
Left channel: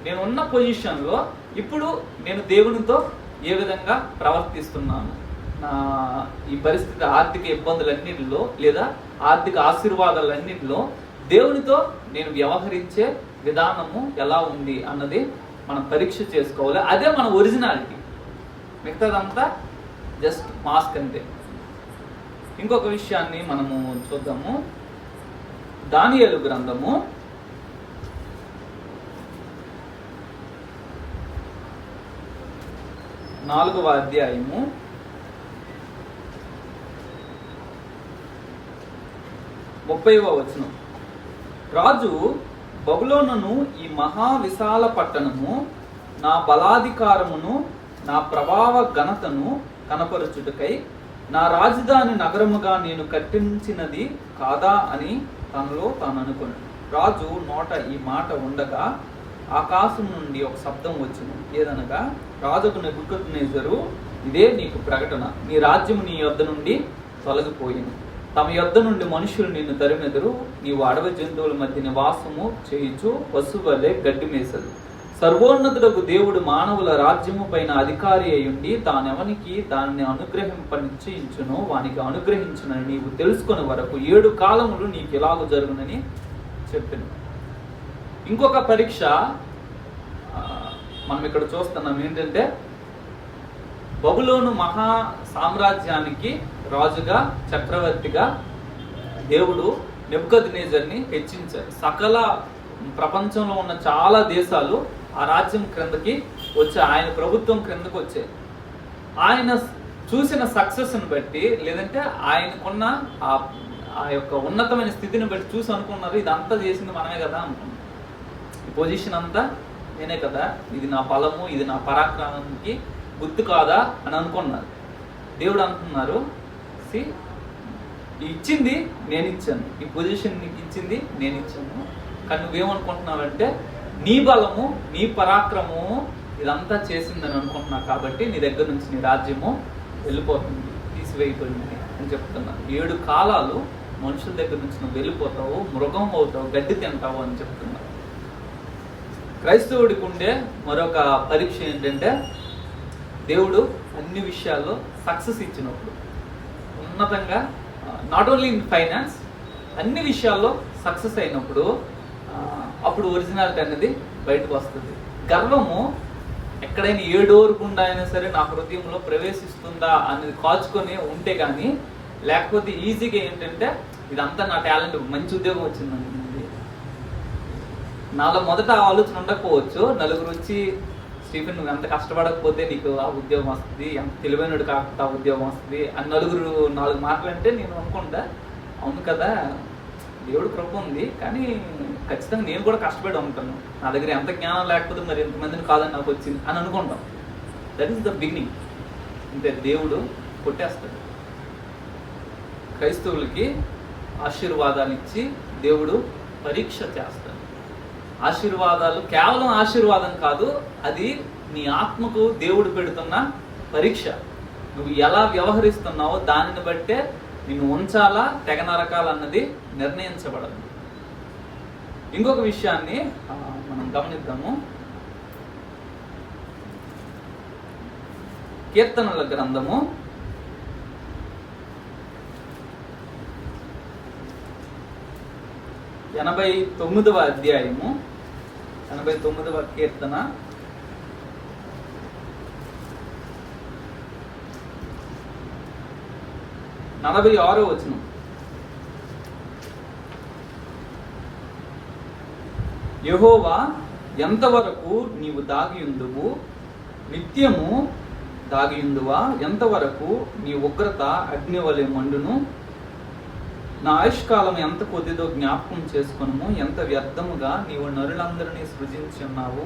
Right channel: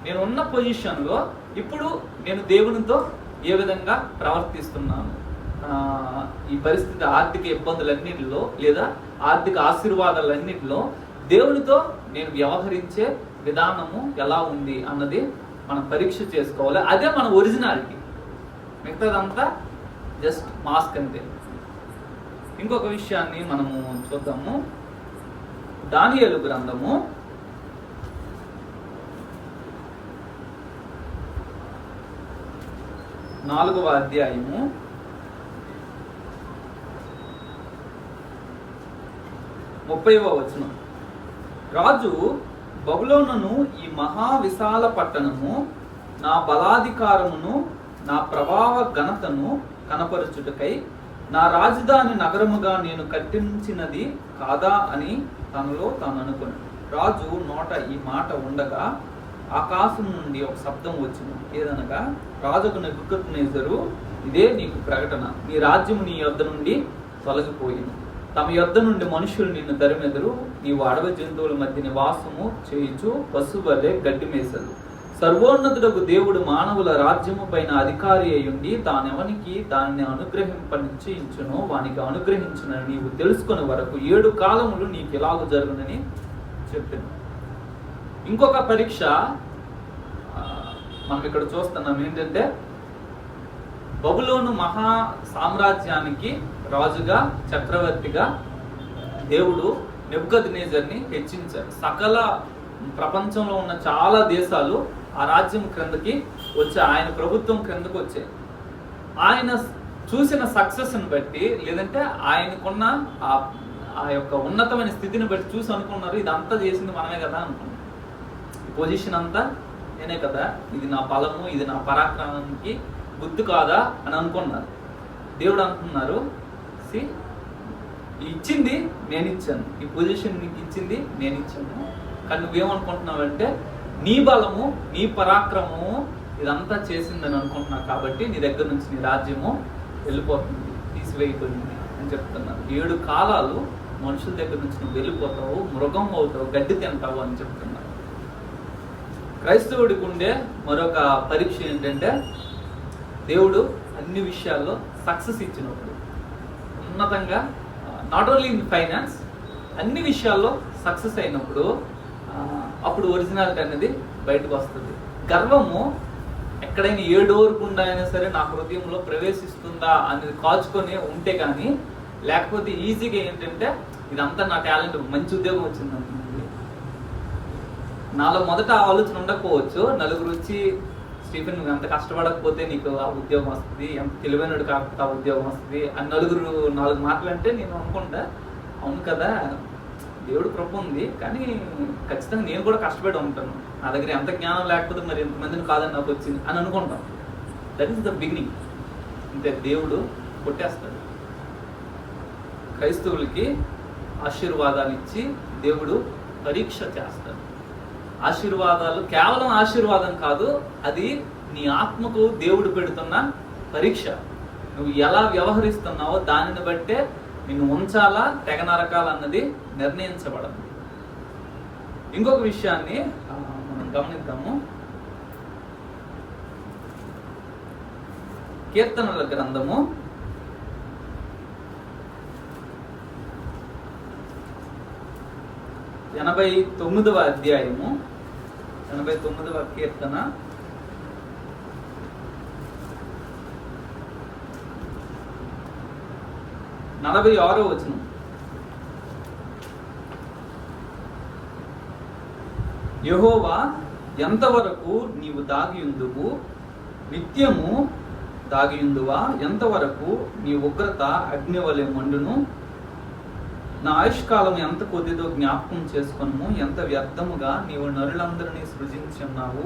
నేను ఉన్న పొజిషన్లో ఇప్పుడు నేను దేవునితో ఏ విధంగా ప్రవర్తిస్తున్నాను, ఈ పరిస్థితి ఆర్థిక ఇబ్బందులన్నింటిలో లేదా ఆర్థిక ఆశీర్వాదాలన్నింటిలో దేవునితో నేను వ్యవహరించే విధానము ఎలా ఉంది అన్నది మనం పరీక్ష చేసుకోవాలి. అదే మన ఒరిజినాలిటీ. మిగతాదంతా జస్ట్ మాస్క్ అంతే. ఇంకొక విషయాన్ని మనము చూద్దాము. దానియేలు గ్రంథము 4వ అధ్యాయము 30వ వచనం. రాజు బబులోనును ఈ మహా విశాల పట్టణము నా బలాధికారమును నా ప్రభావ ఘనతను కనపరచుటకై నా రాజధాని నగరముగా నేను కట్టించినది కాదా అని తనలో తాను అనుకుని. రాజు నోట ఈ మాట ఉండగా ఆకాశం నుండి ఒక శబ్దం వచ్చింది. ఏదనగా, రాజుకు నెబుకద్నెజరు, ఇదే నీకు ప్రకటన, నీ రాజ్యము నీ యొద్ద నుండి తొలగిపోయింది. తమ యొద్ద నుండి మనుషులు నిన్ను తరిమెదరు. నీవు అడవి జంతువుల మధ్య నివాసము చేయుచు పశువులే గడ్డి మేసలు. సర్వోన్నతుడకు దేవుడు మానవుల రాజ్యము పైన అధికారి అయ్యుండి తానెవనికి దానిని అనుగ్రహింపనిశ్చయించునో వానికి అనుగ్రహించునని నీవు తెలుసుకునే వరకు 7 కాలములు నీకు ఎలాగో జరుగునని చెప్పాను. ఇంకొక పరీక్ష మనం ఇక్కడ చూస్తున్నాం. ఏంటంటే, బబులోను మహా సామ్రాజ్యానికి రాజుగా, చక్రవర్తిగా దేవుడు నెబుకద్నెజర్ని హెచ్చించారు. సకల ప్రపంచంలో ఉన్న చాలా దేశాలు ఆ రాజ్యం క్రిందకి వచ్చి, ఆయన ప్రభుత్వం క్రిందకి వచ్చాయి. ఆయన చూసిన సక్సెస్ని బట్టి, లేదంటే ఆయనకున్న ఆ యొక్క ఉన్నతమైన స్థితిని బట్టి చూసి అనుకున్నారు, ఇదంతా చేసింది మనమే కదా అనుకున్నారు. ఈ పొజిషన్ అంతా నేనే కదా, ఇది నా బలము, ఇది నా పరాక్రమానికి గుర్తు కాదా అని అనుకున్నారు. దేవుడు అంటున్నారు, ఇచ్చింది నేను ఇచ్చాను, ఈ పొజిషన్ నీకు ఇచ్చింది నేను ఇచ్చాను, కానీ నువ్వేమనుకుంటున్నావంటే నీ బలము, నీ పరాక్రమము ఇదంతా చేసిందని అనుకుంటున్నావు, కాబట్టి నీ దగ్గర నుంచి నీ రాజ్యము వెళ్ళిపోతుంది, తీసివేయబడింది అని చెప్తున్నారు. 7 కాలాలు మనుషుల దగ్గర నుంచి నువ్వు వెళ్ళిపోతావు, మృగం అవుతావు, గడ్డి తింటావు అని చెప్తున్నారు. క్రైస్తవుడికి ఉండే మరొక పరీక్ష ఏంటంటే, దేవుడు అన్ని విషయాల్లో సక్సెస్ ఇచ్చినప్పుడు, ఉన్నతంగా, నాట్ ఓన్లీ ఇన్ ఫైనాన్స్, అన్ని విషయాల్లో సక్సెస్ అయినప్పుడు అప్పుడు ఒరిజినాలిటీ అనేది బయటకు వస్తుంది. గర్వము ఎక్కడైనా ఏ డోర్ గుండా అయినా సరే నా హృదయంలో ప్రవేశిస్తుందా అనేది కాచుకొని ఉంటే కానీ, లేకపోతే ఈజీగా ఏంటంటే ఇదంతా నా టాలెంట్, మంచి ఉద్యోగం వచ్చింది, నాలో మొదట ఆలోచన ఉండకపోవచ్చు, నలుగురు వచ్చి స్టీఫెన్ నువ్వు ఎంత కష్టపడకపోతే నీకు ఆ ఉద్యోగం వస్తుంది, ఎంత తెలివైనడు కాకపోతే ఆ ఉద్యోగం వస్తుంది అని 4 మాటలంటే నేను అనుకుంటా, అవును కదా దేవుడు కృప ఉంది, కానీ ఖచ్చితంగా నేను కూడా కష్టపడి ఉంటాను, నా దగ్గర ఎంత జ్ఞానం లేకపోతే మరి ఎంతమందిని కాదని నాకు వచ్చింది అని అనుకుంటాం. That is the beginning. అంటే దేవుడు కొట్టేస్తాడు. క్రైస్తవులకి ఆశీర్వాదాలు ఇచ్చి దేవుడు పరీక్ష చేస్తాడు. ఆశీర్వాదాలు కేవలం ఆశీర్వాదం కాదు, అది నీ ఆత్మకు దేవుడు పెడుతున్న పరీక్ష. నువ్వు ఎలా వ్యవహరిస్తున్నావో దానిని బట్టే నిన్ను ఉంచాలా, తెగ నరకాలన్నది నిర్ణయించబడదు. ఇంకొక విషయాన్ని మనం గమనిద్దాము. కీర్తనల గ్రంథము 89వ అధ్యాయము 89వ కీర్తన 46వ వచనం. యెహోవా ఎంతవరకు నీవు దాగియుందువు, నిత్యము దాగియుందువా, ఎంతవరకు నీ ఉగ్రత అగ్నివలె మండును, నా ఆయుష్కాలం ఎంత కొద్దిదో జ్ఞాపకం చేసుకును, ఎంత వ్యర్థముగా నీవు నరులందరినీ సృజించి ఉన్నావు.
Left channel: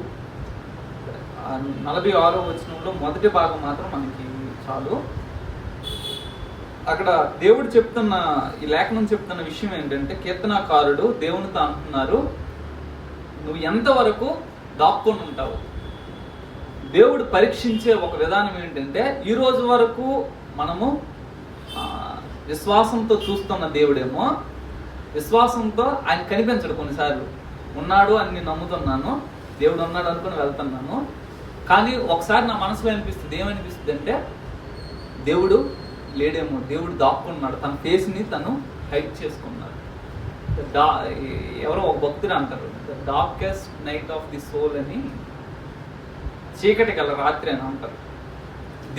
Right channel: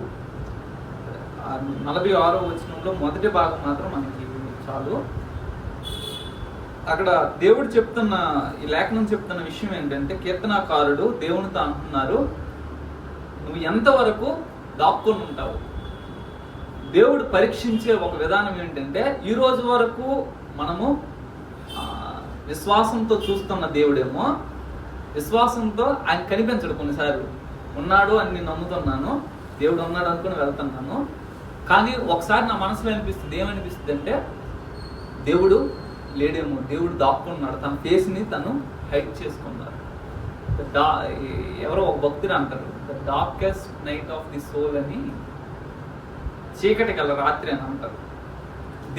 46వ వచనంలో మొదటి భాగం మాత్రం మనకి చాలు. అక్కడ దేవుడు చెప్తున్న, ఈ లేఖనం చెప్తున్న విషయం ఏంటంటే, కీర్తనాకారుడు దేవునితో అంటున్నారు, నువ్వు ఎంతవరకు దాక్కుని ఉంటావు. దేవుడు పరీక్షించే ఒక విధానం ఏంటంటే, ఈ రోజు వరకు మనము విశ్వాసంతో చూస్తున్న దేవుడేమో విశ్వాసంతో ఆయన కనిపించడు. కొన్నిసార్లు ఉన్నాడు అని నేను నమ్ముతున్నాను, దేవుడు ఉన్నాడు అనుకుని వెళ్తున్నాను, కానీ ఒకసారి నా మనసులో అనిపిస్తుంది, ఏమనిపిస్తుంది అంటే దేవుడు లేడేమో, దేవుడు దాక్కున్నాడు, తన ఫేస్ని తను హైడ్ చేసుకున్నాడు. ఎవరో ఒక భక్తుడు అంటారు, the darkest night of the soul అని, చీకటి గల రాత్రి అని అంటారు.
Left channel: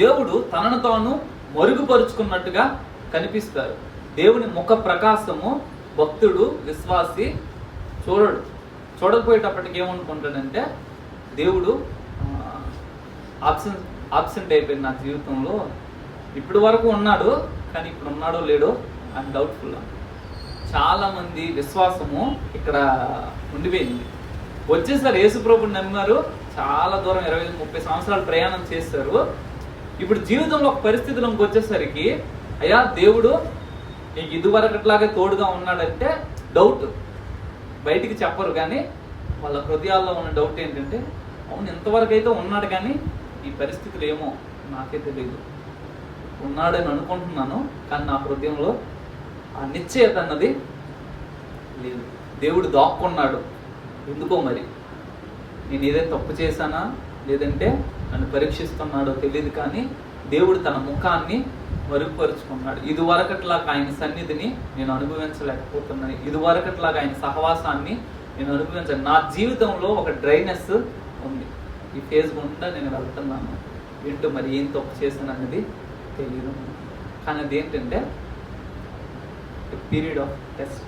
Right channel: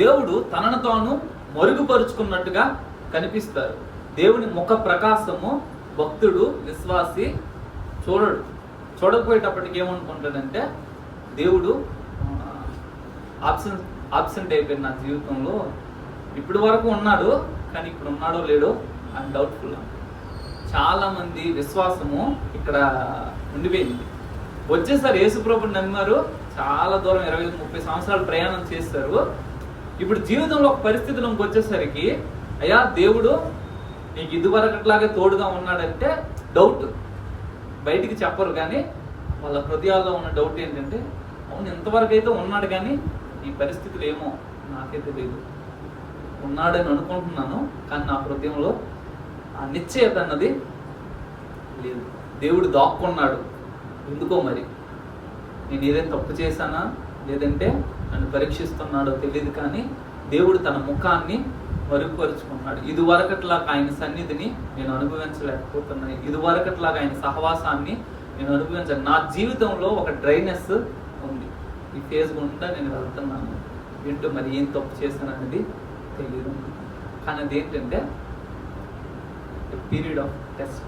దేవుడు తనను తాను మరుగుపరుచుకున్నట్టుగా కనిపిస్తారు. దేవుని ముఖ ప్రకాశము భక్తుడు, విశ్వాసి చూడకపోయేటప్పటికి ఏమనుకుంటాడంటే, దేవుడు ఆబ్సెంట్ అయిపోయింది నా జీవితంలో, ఇప్పటి వరకు ఉన్నాడు కానీ ఇప్పుడు ఉన్నాడో లేడో ఐఎమ్ డౌట్ఫుల్. చాలా మంది విశ్వాసము ఇక్కడ ఉండిపోయింది. వచ్చేసారు, యేసుప్రభుని నమ్మారు, చాలా దూరం 20-30 సంవత్సరాలు ప్రయాణం చేశారు. ఇప్పుడు జీవితంలో ఒక పరిస్థితిలోకి వచ్చేసరికి అయ్యా దేవుడు నీకు ఇదివరకట్లాగే తోడుగా ఉన్నాడంటే డౌట్. బయటికి చెప్పరు, కానీ వాళ్ళ హృదయాల్లో ఉన్న డౌట్ ఏంటంటే అవును ఇంతవరకు అయితే ఉన్నాడు, కానీ ఈ పరిస్థితులు ఏమో నాకే తెలియదు. ఉన్నాడని అనుకుంటున్నాను, కానీ నా హృదయంలో ఆ నిశ్చయత అన్నది లేదు. దేవుడు దాక్కున్నాడు, ఎందుకో మరి. నేను ఏదైనా తప్పు చేశానా, లేదంటే నన్ను పరీక్షిస్తున్నాడో తెలియదు, కానీ దేవుడు తన ముఖాన్ని మరుగుపరుచుకున్నాడు. ఇదివరకట్లాగా ఆయన సన్నిధిని నేను అనుభవించలేకపోతున్నాను, ఇదివరకట్లాగా ఆయన సహవాసాన్ని నేను అనుభవించాను. నా జీవితంలో ఒక డ్రైనెస్ ఉంది, ఈ ఫేజ్ గుండా నేను వెళ్తున్నాను. ఏంటో మరి ఏం తప్పు చేశాను అనేది తెలియదు, కానీ అదేంటంటే పీరియడ్ ఆఫ్ టెస్ట్.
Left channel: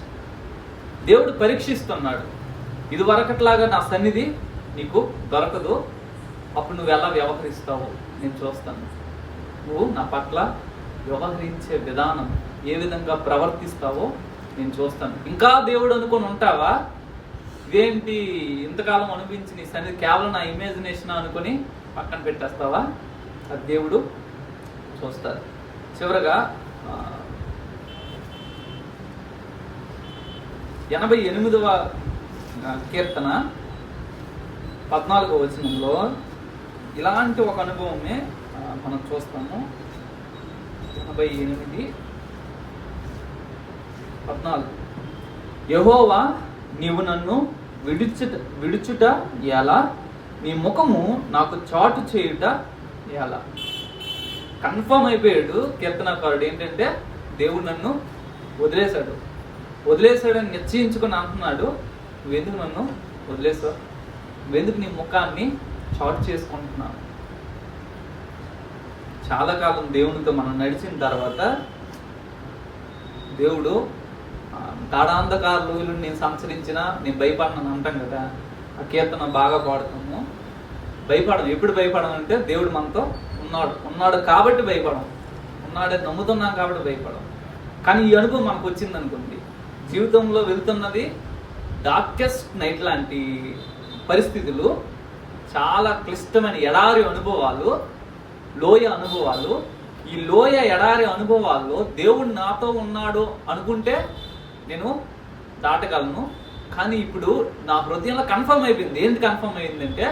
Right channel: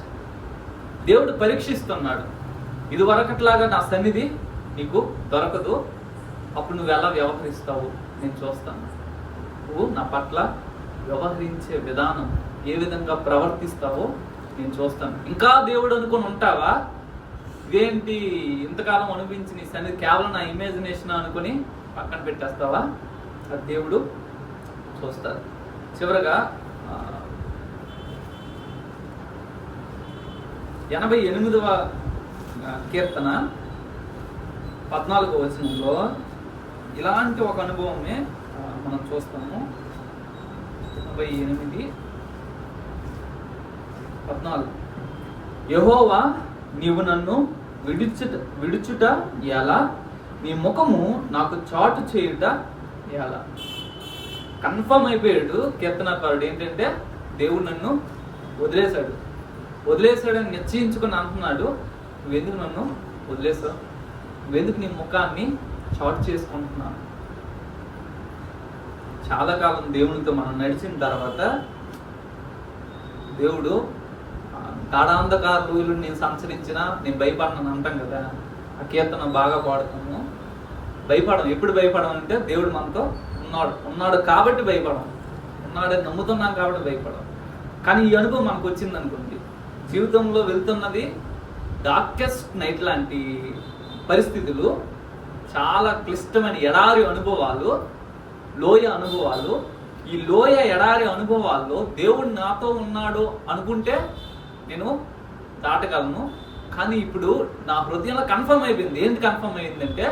దేవుడు పరీక్షిస్తున్నాడు. ఇదివరకట్లాగా నా సన్నిధి నీకు దొరకదు, అప్పుడు నువ్వు ఎలా వ్యవహరిస్తావు నేను చూస్తాను. నువ్వు నా పట్ల వ్యవహరించే విధానం, ఏ విధంగా ప్రవర్తిస్తావో నేను చూస్తాను. ఇంకా దేవుడు అనుకొని ఉంటావా? ఇదేంటి ఇంతకాలం అనిపించి నీ సన్నిధి కేవలం నా ఇమాజినేషన్ అనుకుని పక్కన పెట్టేస్తావా? అది దేవుడు చూస్తారు. చివరగా 88వ కీర్తన 14వ వచనంలో ఇలాంటి ఒక అనుభవమే మనం చూస్తాము. 88:14 యెహోవా నీవు నన్ను విడుచుట ఎలా, నీ ముఖము నాకు చాటు చేయుట ఎలా. కన్ఫర్మ్ అయిపోయాడు కీర్తనకారుడు ఏంటంటే దేవుడు నన్ను వదిలేశాడని నిశ్చయించుకుని అంటున్నాడు. నువ్వెందుకు నన్ను వదిలేసావు? నువ్వెందుకు నీ ముఖాన్ని చాటు చేసుకుంటున్నావు? చాలా కాలం దేవునితో మనం నడిచిన తర్వాత దేవుడు గాఢాంధకార రోజులు నేను సంచరించినా నేను భయపడను అంటాం కదా. ఆ కీర్తన బాగా పాడుతాము. భయపడము. ఎప్పుడు భయపడము అంటే దేవుడు మనతో ఉన్నాడు కాబట్టి భయపడము, ఉన్నాడని నమ్ముతున్నాం కాబట్టి భయపడము. కానీ ఈ అనుభవం మనకు వచ్చింది అనుకుంది, జీవితంలో వెళ్తున్నది డార్కెస్ట్ నైట్ లాంటి పరిస్థితులు, చాలా క్లిష్టమైన ఎడారి అనుభవాలు, లోయ అనుభవాలు. ఈ లోయ ఎడారి అనుభవాల్లో దేవుడు నాతో ఉన్నాడు అనుకుంటే నేను దాటగలను. కానీ ఇప్పుడు నా హృదయంలో కన్ఫర్మ్ అయిపోయింది. ఏంటి కన్ఫర్మ్ అయిందంటే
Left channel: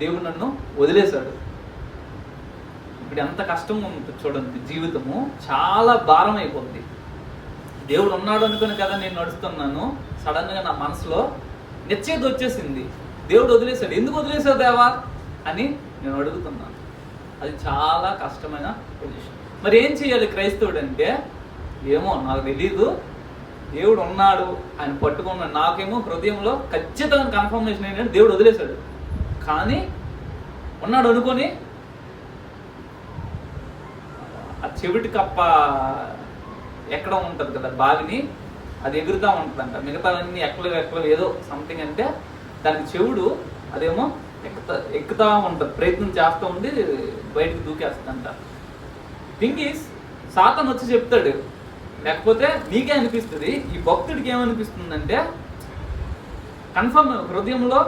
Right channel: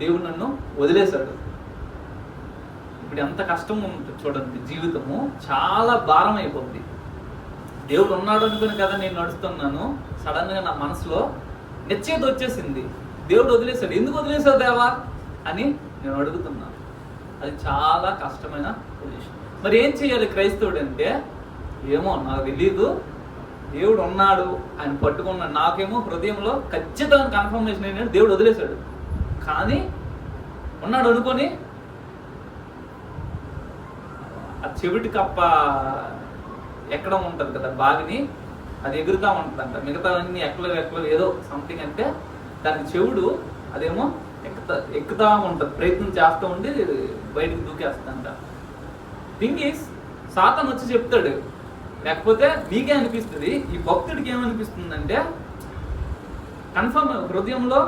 దేవుడు నన్ను వదిలేశాడు. ఇప్పుడు ఎంత కష్టం ఉంటుంది చూడండి, జీవితము చాలా భారం అయిపోతుంది. దేవుడు ఉన్నాడు అనుకుని కదా నేను నడుస్తున్నాను, సడన్ గా నా మనసులో నిశ్చయిత వచ్చేసింది, దేవుడు వదిలేశాడు. ఎందుకు వదిలేశావు దేవా అని నేను అడుగుతున్నాను. అది చాలా కష్టమైన పొజిషన్. మరి ఏం చేయాలి క్రైస్తవుడు అంటే, ఏమో నాకు తెలీదు, దేవుడు ఉన్నాడు ఆయన పట్టుకున్నాడు. నాకేమో హృదయంలో ఖచ్చితంగా కన్ఫర్మేషన్ ఏంటంటే దేవుడు వదిలేశాడు, కానీ ఉన్నాడు అనుకొని ఆ చెవిటి కప్ప ఎక్కడం ఉంటుంది కదా బావిని, అది ఎగురుతా ఉంటుందంట. మిగతావన్నీ ఎక్కలు ఏదో సంథింగ్ అంటే దానికి చెవుడు అదేమో ఎక్కుతా ఉంటుంది, ప్రయత్నం చేస్తూ ఉండి బయటకు దూకేస్తుందంట. థింగ్ ఈస్ సాతాను వచ్చి చెప్తాడు, లేకపోతే నీకే అనిపిస్తుంది. ఈ భక్తుడికి ఏమనిపిస్తుందంటే కన్ఫర్మ్ హృదయంలో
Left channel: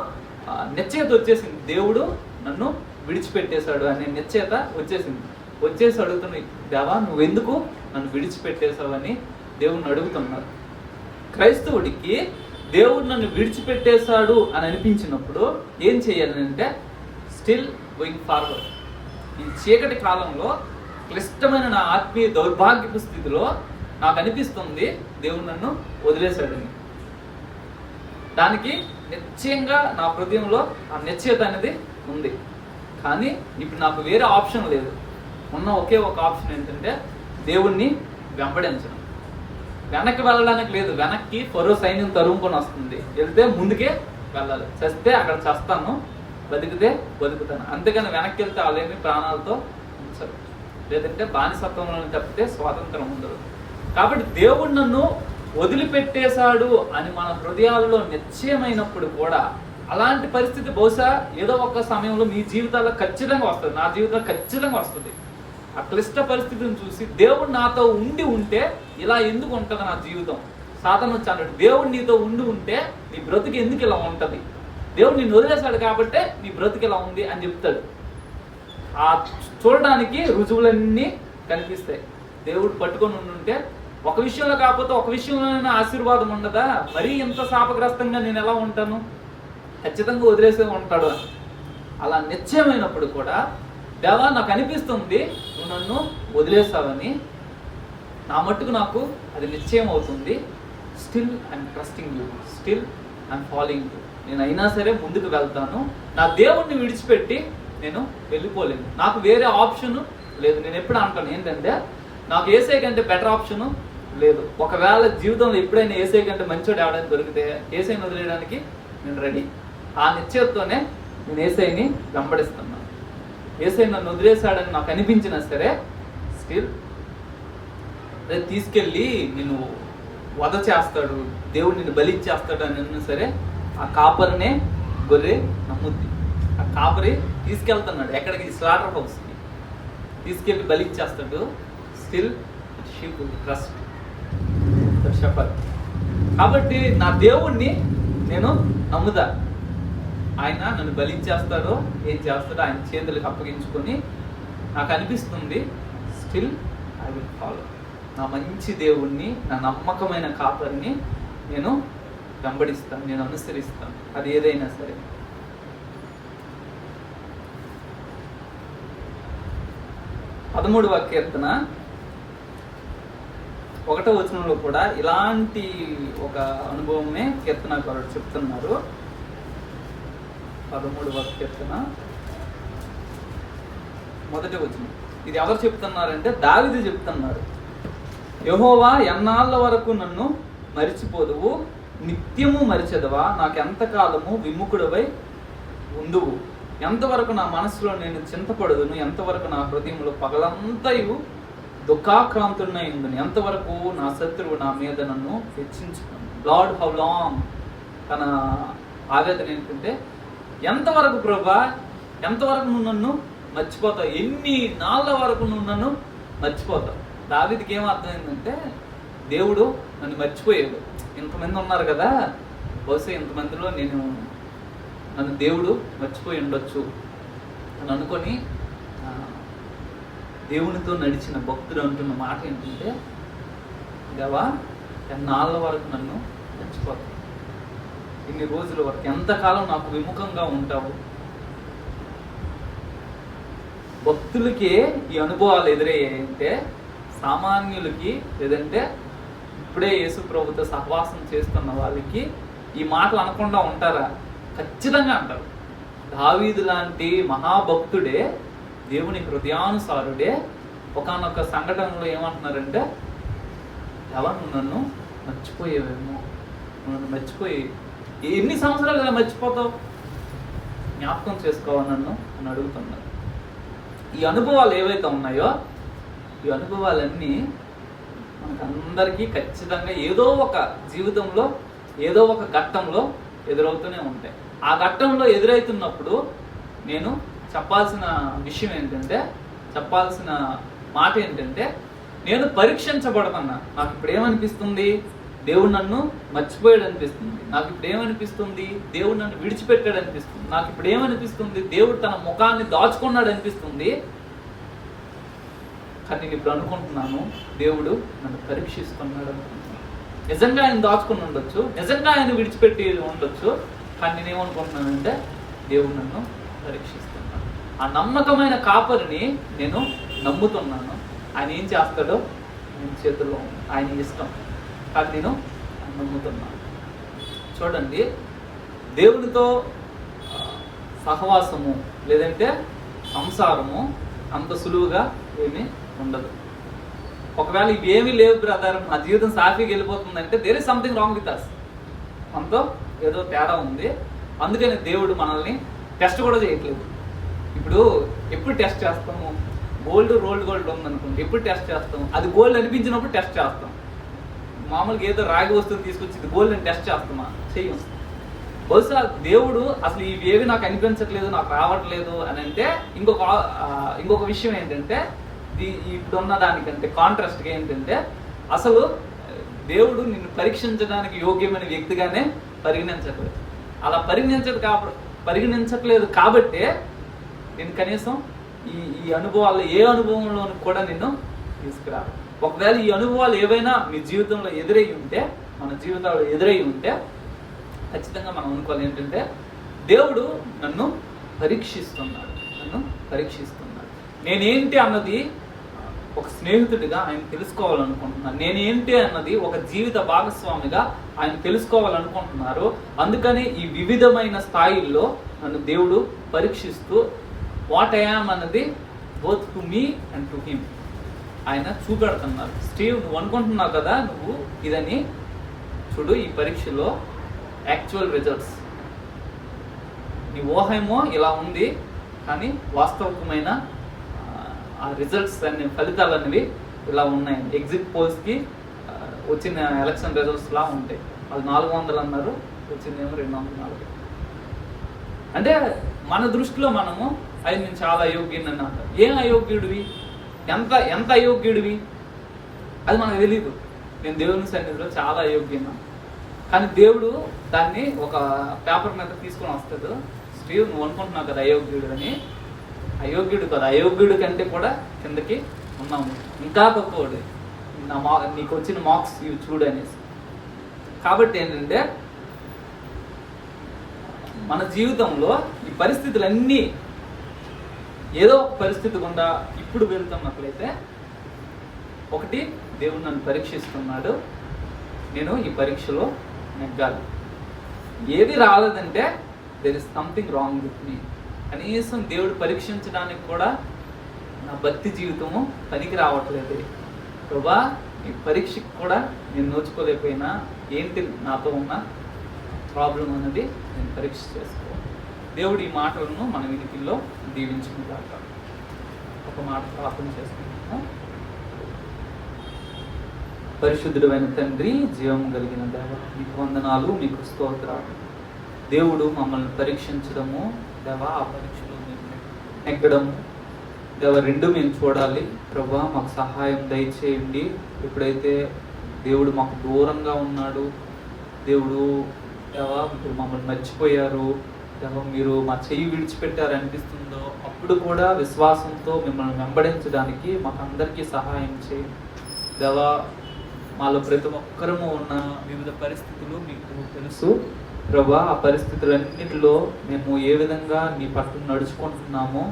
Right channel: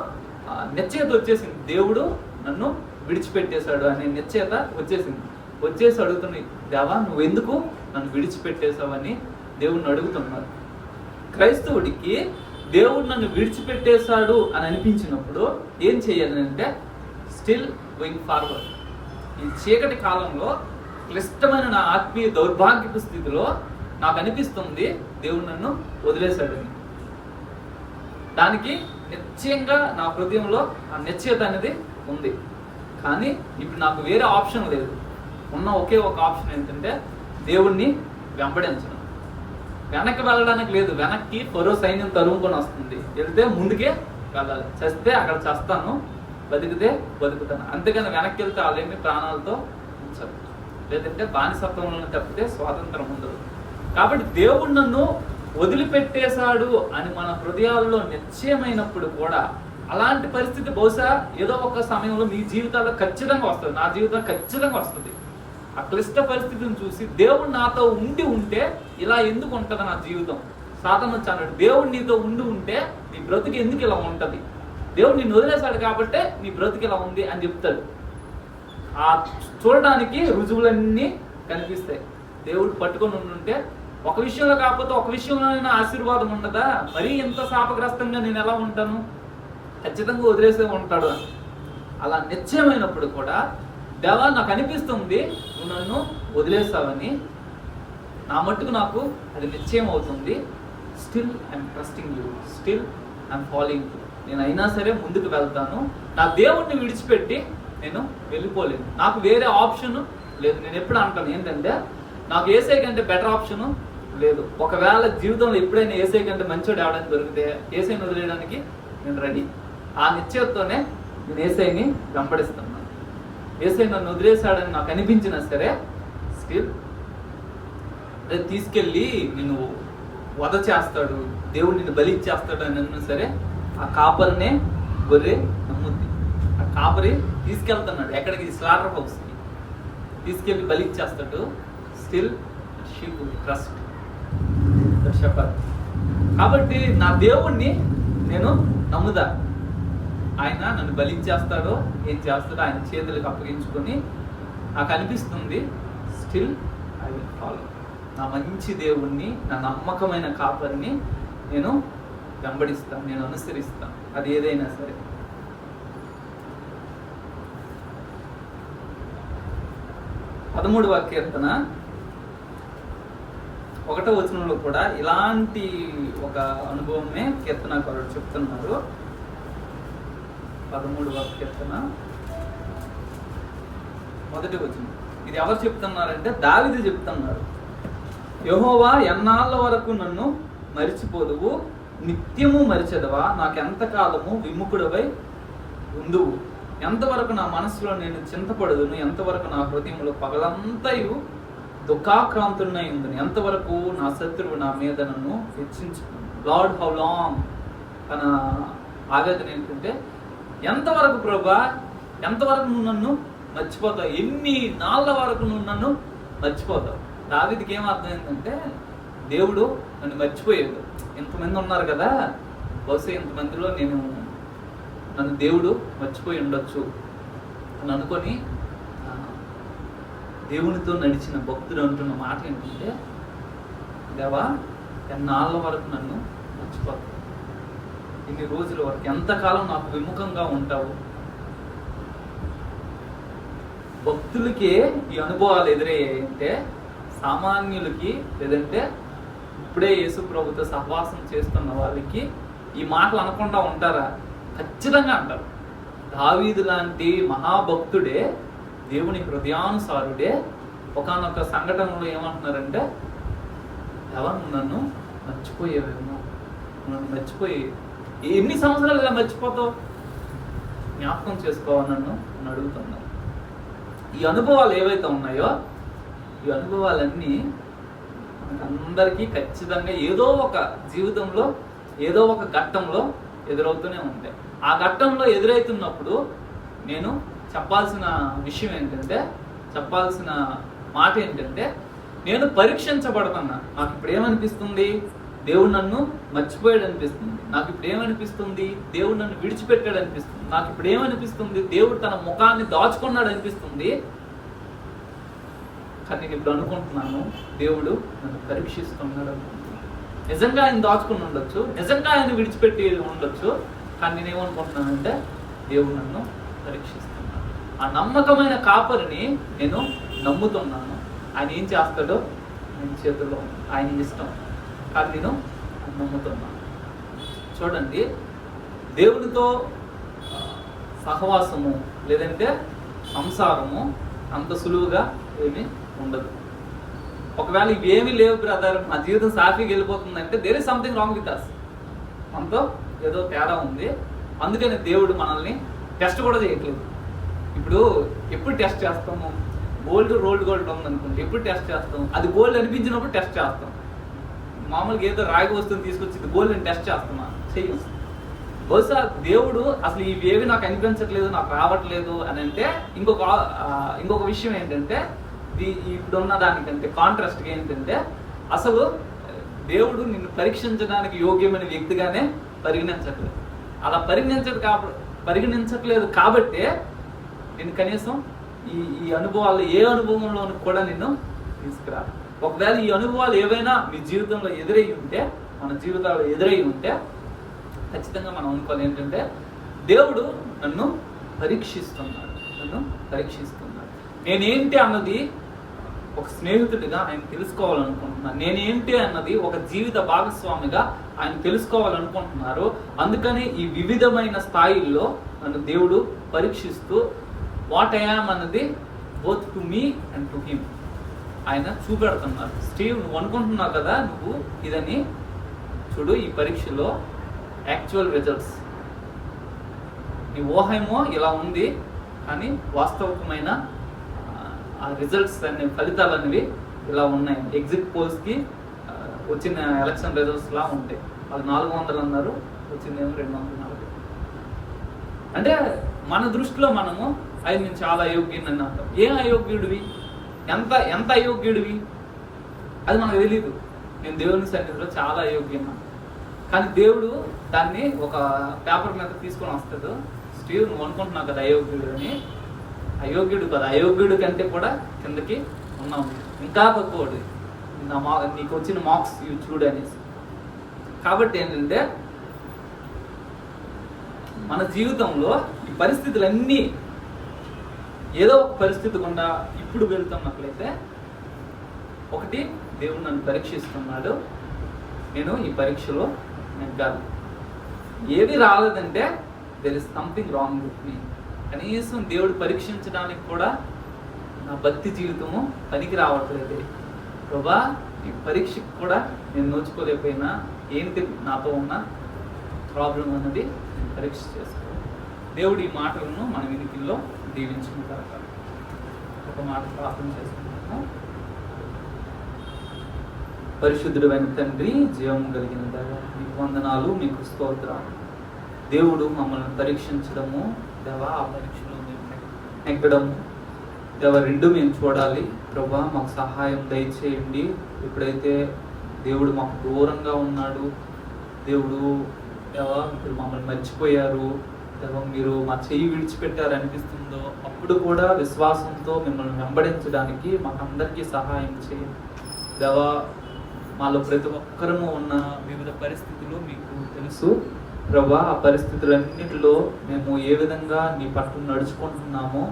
నిశ్చయత వచ్చేసింది, దేవుడు నన్ను విడిచిపెట్టేశాడు అనే నిశ్చయత వచ్చేసి అడుగుతున్నాయి, దేవా నువ్వెందుకు నన్ను విడిచిపెట్టేశావని దేవుడిని అడుగుతున్నారు. క్రైస్తవుడికి దేవుడు నన్ను విడిచిపెట్టేశాడు అని అనిపించినప్పుడు ఏం చేయాలి అంటే స్టిల్ గోయింగ్ ఫార్వర్డ్. ఈ చీకటి కాలంలో క్లిష్టమైన నా ఆత్మీయ దౌర్భాగ్యపు స్థితిలో నాకు అనిపిస్తుంది దేవుడు నన్ను వదిలేశాడని. దానికి నిశ్చయంగా నా హృదయంలో ఆ నిశ్చయత అనేది ఉంది, కానీ ఇప్పుడు నాకు వేరే ఆప్షన్ లేదు. ఉన్న ఒకే ఒక ఆప్షన్ ఏంటంటే దేవుణ్ణి వెంబడించడం. వెనక్కి వెళ్ళడానికి లేదు, వెనక్కి ఫరో సైన్యం తరుముకొని వస్తుంది, వెళ్తే ముందుకే వెళ్ళాలి. చస్తే అక్కడ చస్తాను, బతికితే బతుకుతాను. అంతేగాని వెనక్కి వెళ్తే వాళ్ళేమి ప్రాణాలతో ఉంచరు, లేదంటే బానిసత్వంలో తప్పితే స్వాతంత్రం ఉండదు. కాబట్టి దేవుడు నన్ను వదిలిపెట్టేశాడు అని మన హృదయాల్లో నిశ్చయమైనప్పుడు కూడా అలాంటి పరిస్థితి బహుశా ఏదో ఒక సమయంలో మీ జీవితాల్లో ఖచ్చితంగా వస్తుంది, నా జీవితంలో ఖచ్చితంగా వస్తుంది. ఆ క్లిష్ట పరిస్థితిని చూసి దేవుడు నాతో ఉంటే ఇలా ఎందుకు ఉంటుంది నా జీవితం, సాతాను వచ్చి అన్నాడు, దేవుడు నీతో ఉంటే నీ బ్రతుకు ఎందుకు ఇలా ఉంటుంది, దేవుడు నిన్ను వదిలేశాడు కాబట్టి నీ బ్రతుకు ఇలా ఉంది అని చెప్తాడు. ఆ చూడడానికి రుజువులన్నీ కనిపిస్తాయి. దేవుడు పట్టుకొని ఉంటే ఒక విషయంలో కాకపోతే ఒక విషయంలోనైనా ఆశీర్వాదం ఉండదా? మరీ ఇంత శాపగ్రస్తంగా నేను ఎలా ఉంటాను, ఖచ్చితంగా వదిలేసే ఉంటాడు. అలా నిశ్చయమైనప్పుడు కూడా దేవా నాకు అనిపిస్తుంది నువ్వు నన్ను వదిలేస్తావని, నా మట్టుకు నాకు అది నిశ్చయం అవుతుంది. Still I'm trusting you, still I'm following you. నేను అయినా సరే ముందుకు వెళ్తాను. నా దేవుణ్ణి విడిచిపెట్టి నేను వెళ్ళిపోలేను. నాకు వేరే ఆప్షన్ లేదు. నేను ఎప్పుడు అంటాను ఏంటంటే నాకు ఏసై కంటే బెటర్ ఆప్షను లేదు. ఒకవేళ జీవితంలో ఎప్పుడైనా ఏసై కంటే మంచోడు ఎవడైనా దొరికితే ఏసైని వదిలేయడానికి నేను రెడీ. ఆ నిశ్చయంతోనే నేను ఏసైని వెంబడిస్తున్నాను. ఏసై నన్ను వదిలేశాడని నాకు అనిపించినా సరే స్టిల్ తీసుకెళ్ళి నిన్ను వధ చేస్తాడు, దేవుడు నిన్ను బలి ఇచ్చేస్తాడు అని అన్నా సరే ఆ కాపరినే గొర్రె నమ్ముద్ది. ఆ కాపరి తీసుకెళ్తున్నాడు ఎక్కడికి, స్లాటర్ హౌస్కి తీసుకెళ్ళి బలి ఇచ్చేస్తాడు. Still sheep trust the shepherd. కాబట్టి నా దేవుణ్ణి నేను నమ్ముదా. ఆయన నన్ను బలిచ్చేస్తాడో ఏం చేస్తాడో ఆయన చేతులకు అప్పగించుకొని నాకు అనిపిస్తుంది స్టిల్ ఐ విల్ ఫాలో. నా మంచి దేవుణ్ణి, నా నమ్మకమైన కాపరిని నేను వెంబడిస్తాను, నేను అనుసరిస్తాను, అది ఏదైనా సరే. పదమూడవ కీర్తన 1వ వచనంలో కూడా ఇలాంటి ఒక అనుభవమే కీర్తనకారుడు చెప్తున్నారు. 13వ కీర్తన 1వ వచనం. ఇది ఎవరు చెప్తున్నారంటే దావీదు చెప్తున్నారు. యెహోవా ఎన్నాళ్ళ వరకు నన్ను మరిచిపోదువు, నిత్యము మరిచెదవా, నాకెంతకాలము విముఖుడవై ఉందువు, ఎంతవరకు నా మనసులో నేను చింతపడదును, ఎంతవరకు నా హృదయంలో పగలంతయు దుఃఖాక్రాంతుడినై ఉందని, ఎంతవరకు నా శత్రువు నా మీద నన్ను హెచ్చించుకున్నాను. Lord how long. తన ఆవేదన ఏంటంటే ఎంతవరకు ప్రభా, ఎంతవరకు నువ్వు నన్ను మర్చిపోతావు, ఎన్ని నాళ్ళ వరకు నువ్వు నన్ను మర్చిపోతావు. దావీదుకి ఏం అర్థం ఏంటంటే దేవుడు నన్ను మర్చిపోయాడు. ఇంతమంది ఉన్నారు కదా, బహుశా ఇంతమందిలో నేను ఉన్నాను, నన్ను దేవుడు మర్చిపోయి ఉండొచ్చు అని అనుకొని దేవునితో నడిచిన భక్తుడు అంటున్న మాట ఏంటంటే, దేవా ఎన్నాళ్ళ వరకు నన్ను మర్చిపోతావు, ఇన్ని రోజుల వరకు, ఎంతకాలం నాకు విముఖంగా ఉంటావు. భక్తులకి ఈ అనుభవాలు ఎదురయ్యాయంటే సామాన్యులకి, లేదంటే ఇప్పుడే యేసు ప్రభుతో సహవాసం చేస్తున్న వాళ్ళకి ఈ మాటలు అనకుండా ఉంటారా? ఖచ్చితంగా అంటారు. దావీదు లాంటి మహాభక్తుడే, దేవుని హృదయానుసారుడే ఒకానొక సంఘటనలో ఏమంటున్నారంటే, ఎవరు నన్ను మర్చిపోయేవేమో, నన్ను మర్చిపోయి ఎన్ని సంవత్సరాలుగా మర్చిపోతావు, జ్ఞాపకం చేసుకోవాలి నన్ను అని అడుగుతున్నారు. ఈ అనుభవాలు ఏవైతే ఉన్నాయో ఈ అనుభవాలన్నీ అందరికీ ఖచ్చితంగా ఏదో ఒక జీవితంలో ఏదో ఒక ఘట్టంలో ఎదురవుతూనే ఉంటాయి. ఆ ఘట్టంలో ఎదురవుతున్నప్పుడు నేను చెప్పాల్సిన విషయం ఏంటంటే, చెప్పాల్సిన మాట ఏంటంటే, నేను పరీక్షించబడుతున్నా. నాకు ఇప్పుడు ఏమనిపిస్తుంది, దేవుడు నన్ను మర్చిపోయాడు అనిపిస్తుంది. నాకు ఇప్పుడు ఏమనిపిస్తుంది, దేవుడు నన్ను విడిచిపెట్టాడు అనిపిస్తుంది. నాకు ఇప్పుడు ఏమనిపిస్తుంది, దేవుడు తన ముఖాన్ని దాచుకున్నాడు అనిపిస్తుంది. కానీ నేను ఇప్పుడు అనుకుంటున్నాను, దేవుడు నన్ను పరీక్షిస్తున్నాడు అనుకుంటున్నాను. నిజంగా ఆయన దాచుకుని ఉండొచ్చు, నిజంగా ఆయన విడిచిపెట్టి ఉండొచ్చు, కానీ నేనేమనుకుంటున్నానంటే దేవుడు నన్ను పరీక్షిస్తున్నాడు. ఆ నమ్మకమైన కాపరిని నేను నమ్ముతున్నాను. ఆయన ఏం చేస్తాడో నేను చేతుల్లో ఆయన ఇష్టం, కానీ నేను నమ్ముతున్నాను. చూడండి, దేవునితో సహవాసము లేదంటే సంసారము అంత సులువుగా ఏమీ ఉండదు. ఒకవేళ ఇవేమీ లేవు బ్రదర్, మా జీవితం సాఫీగా వెళ్ళిపోతుందంటే there is something wrong with us, మనతో ఏదో తేడా ఉంది. అందుకని దేవుడు మనల్ని టెస్ట్ కూడా చేయట్లేదు. ఇప్పుడు ఎప్పుడు టెస్ట్ చేస్తాము, గోల్డ్ రోల్డ్ గోల్డ్ ఉందనుకోండి, ఎప్పుడు టెస్ట్ చేస్తాం, అది గోల్డ్ అనిపించినప్పుడు టెస్ట్ చేస్తాం. మామూలుగా ఏదో రాగి వస్తువుని తీసుకొచ్చి ఇది గోల్డ్ అని టెస్ట్ చేస్తున్నా చెయ్యి. బహుశా దేవుడు అసలు ఇవేవి నాకు అనిపించట్లేదు, నాకు రావట్లేదు అని అంటే ఇంకొక విషయం ఏంటంటే, ఇప్పుడున్న దానికంటే కాంట్రాస్ట్గా ఏంటంటే, అసలు దేవుడు నిన్ను పరీక్షించడానికి యోగ్యమైన వ్యక్తిగానే పరిగణించట్లేదు. అలా పరిగణించట్లేదు కాబట్టే నేను కనీసం ఈ అనుభవాలు ఏ అనుభవంలోనూ కూడా నిన్ను తీసుకురా. ఒకవేళ ఈ అనుభవాలు ఏవైనా మీ జీవితంలో ఎదురై ఉంటే, మన జీవితాల్లో ఎదురై ఉంటే ఖచ్చితంగా మనం అనుకోవాలి ఏంటంటే దేవుడు నన్ను పరీక్షిస్తున్నాడు. నేనేంటి అన్నది ఒక స్నేహితుడిగా ఆయన తెలుసుకోవాలనుకుంటున్నాను. నేనేంటి అన్నది ఒక జీవిత భాగస్వామిగా ఆయన తెలుసుకోవాలనుకుంటున్నారు. అందుకని ఈ వివిధమైన స్థాయిల్లో నన్ను దేవుడు పరీక్షిస్తూ వాట్ ఐ యామ్ అన్నది both to me and to him ఆయన చూపెడుతున్నారు. స్టీవ్, నువ్వు అనుకుంటున్నావు కదా నువ్వు ఇదని, చూడు ఈ పరీక్షలో యాక్చువల్ రిజల్ట్స్, నీ ఊహేమో ఇలా ఉంది కానీ వాస్తవికమైన ఆ రిజల్ట్స్ అనే ఫలితాలు అనేవి ఇలా ఉన్నాయి. ఎగ్జిట్ పోల్స్కి వచ్చిన ఎలక్షన్ రిజల్ట్స్ లా ఉంటాయి. వాళ్ళు 400 అన్నారు, వచ్చిందేమో 240. అంటే మన దృష్టిలో మనము అది నేను చాలా అయోగ్యుని అంటాం. ఏం అయోగ్యుడివి, ఎంత అయోగ్యుడివి అది మనకు తెలియదు. నేను దేవుని సన్నిధిలో చాలా అయోగ్యను, కానీ దేవుడు దాన్ని ఒక పేపర్ మీద తీసుకొని వస్తాడు. స్టీవ్, నువ్వు అనుకుంటున్నావు కదా అయోగ్యుడు అని. అయోగ్యుడు కదా, అయోగ్యుడు కంటే కూడా కిందకి ఉన్నాము, ఇంకా తక్కువది నీకు వచ్చిన మార్క్స్ ఇవి చూడు అనేసి. కాబట్టి ఏంటంటే మన జీవితంలో ఈ పరిస్థితులన్నీ ఏదో ఒక పరిస్థితి గుండా ఇప్పుడు వెళ్తున్నట్లయితే, ఒకటి దేవుడు నన్ను పరీక్షిస్తున్నాడు, నేను ఈ పరీక్షలో నెగ్గాలి. ఏది రాలేదంటే there is something wrong with me. కనీసం దేవుడు పరీక్షించడానికి కూడా నా భక్తి జీవితము పనికి రావట్లేదు. ప్రభా, ఈ పరీక్షకు కూడా నేను నోచుకోలేకపోయినా ఏంటి నాతో ఉన్న ప్రాబ్లం అన్నది నేను పరీక్ష చేసుకోవాలి. దేవుడు ఈ మాటలను మన వినికిల్లో దీవించుకుంటారు. ఒక మాట ప్రార్థన చేసుకుంటాము. పరిశుద్ధుడైన తండ్రి, జీవం కలిగిన దేవా, మీకు వందనాలు, మీకు స్తోత్రాలు. దేవుడు మమ్మల్ని పరీక్షించడము దేవా, ఆ పరీక్షలో మేము నెగ్గడము దేవా, రెండు మేము చూడాలి. ప్రభా, మాకు సహాయం దయచేయండి. ఎప్పుడైతే దేవుడు మాకు దూరంగా ఉన్నాడు, దేవుడు దేవా ఇప్పుడు మమ్మల్ని మర్చిపోయారు దేవా, మీరు మా చెయ్యి విడిచిపెట్టారు అనిపిస్తుందో, అప్పుడు కూడా విశ్వాసంతో మిమ్మల్ని వెంబడించడానికి మాకు అందరికీ సహాయం చేయండి దేవా. మాలో ప్రతి ఒక్కరము ఉన్న వివిధ పరిస్థితులు మీకు తెలుసు ప్రభా. ఆ పరిస్థితులన్నిటిలో మేము ఏ విధంగా మీ పట్ల నడుచుకుంటున్నామో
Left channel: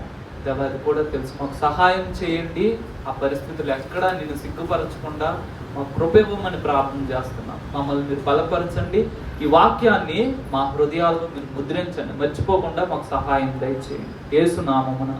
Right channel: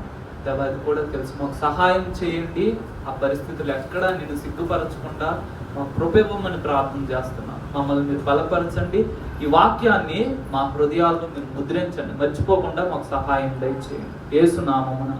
దేవా, అది కూడా తెలుసు. మాకు సహాయం చేయండి. ఆ పరిస్థితులు ఎక్కడా నేను సిగ్గుపరచకుండా మాకు కృపేమని ప్రార్థన చేస్తున్నాం. మమ్మల్ని మీరు బలపరచండి. ఈ వాక్యాన్ని మా హృదయాల్లో మీరు ముద్రించండి. మర్చిపోకుండా మాకు సహాయం దయచేయండి. యేసు నామమున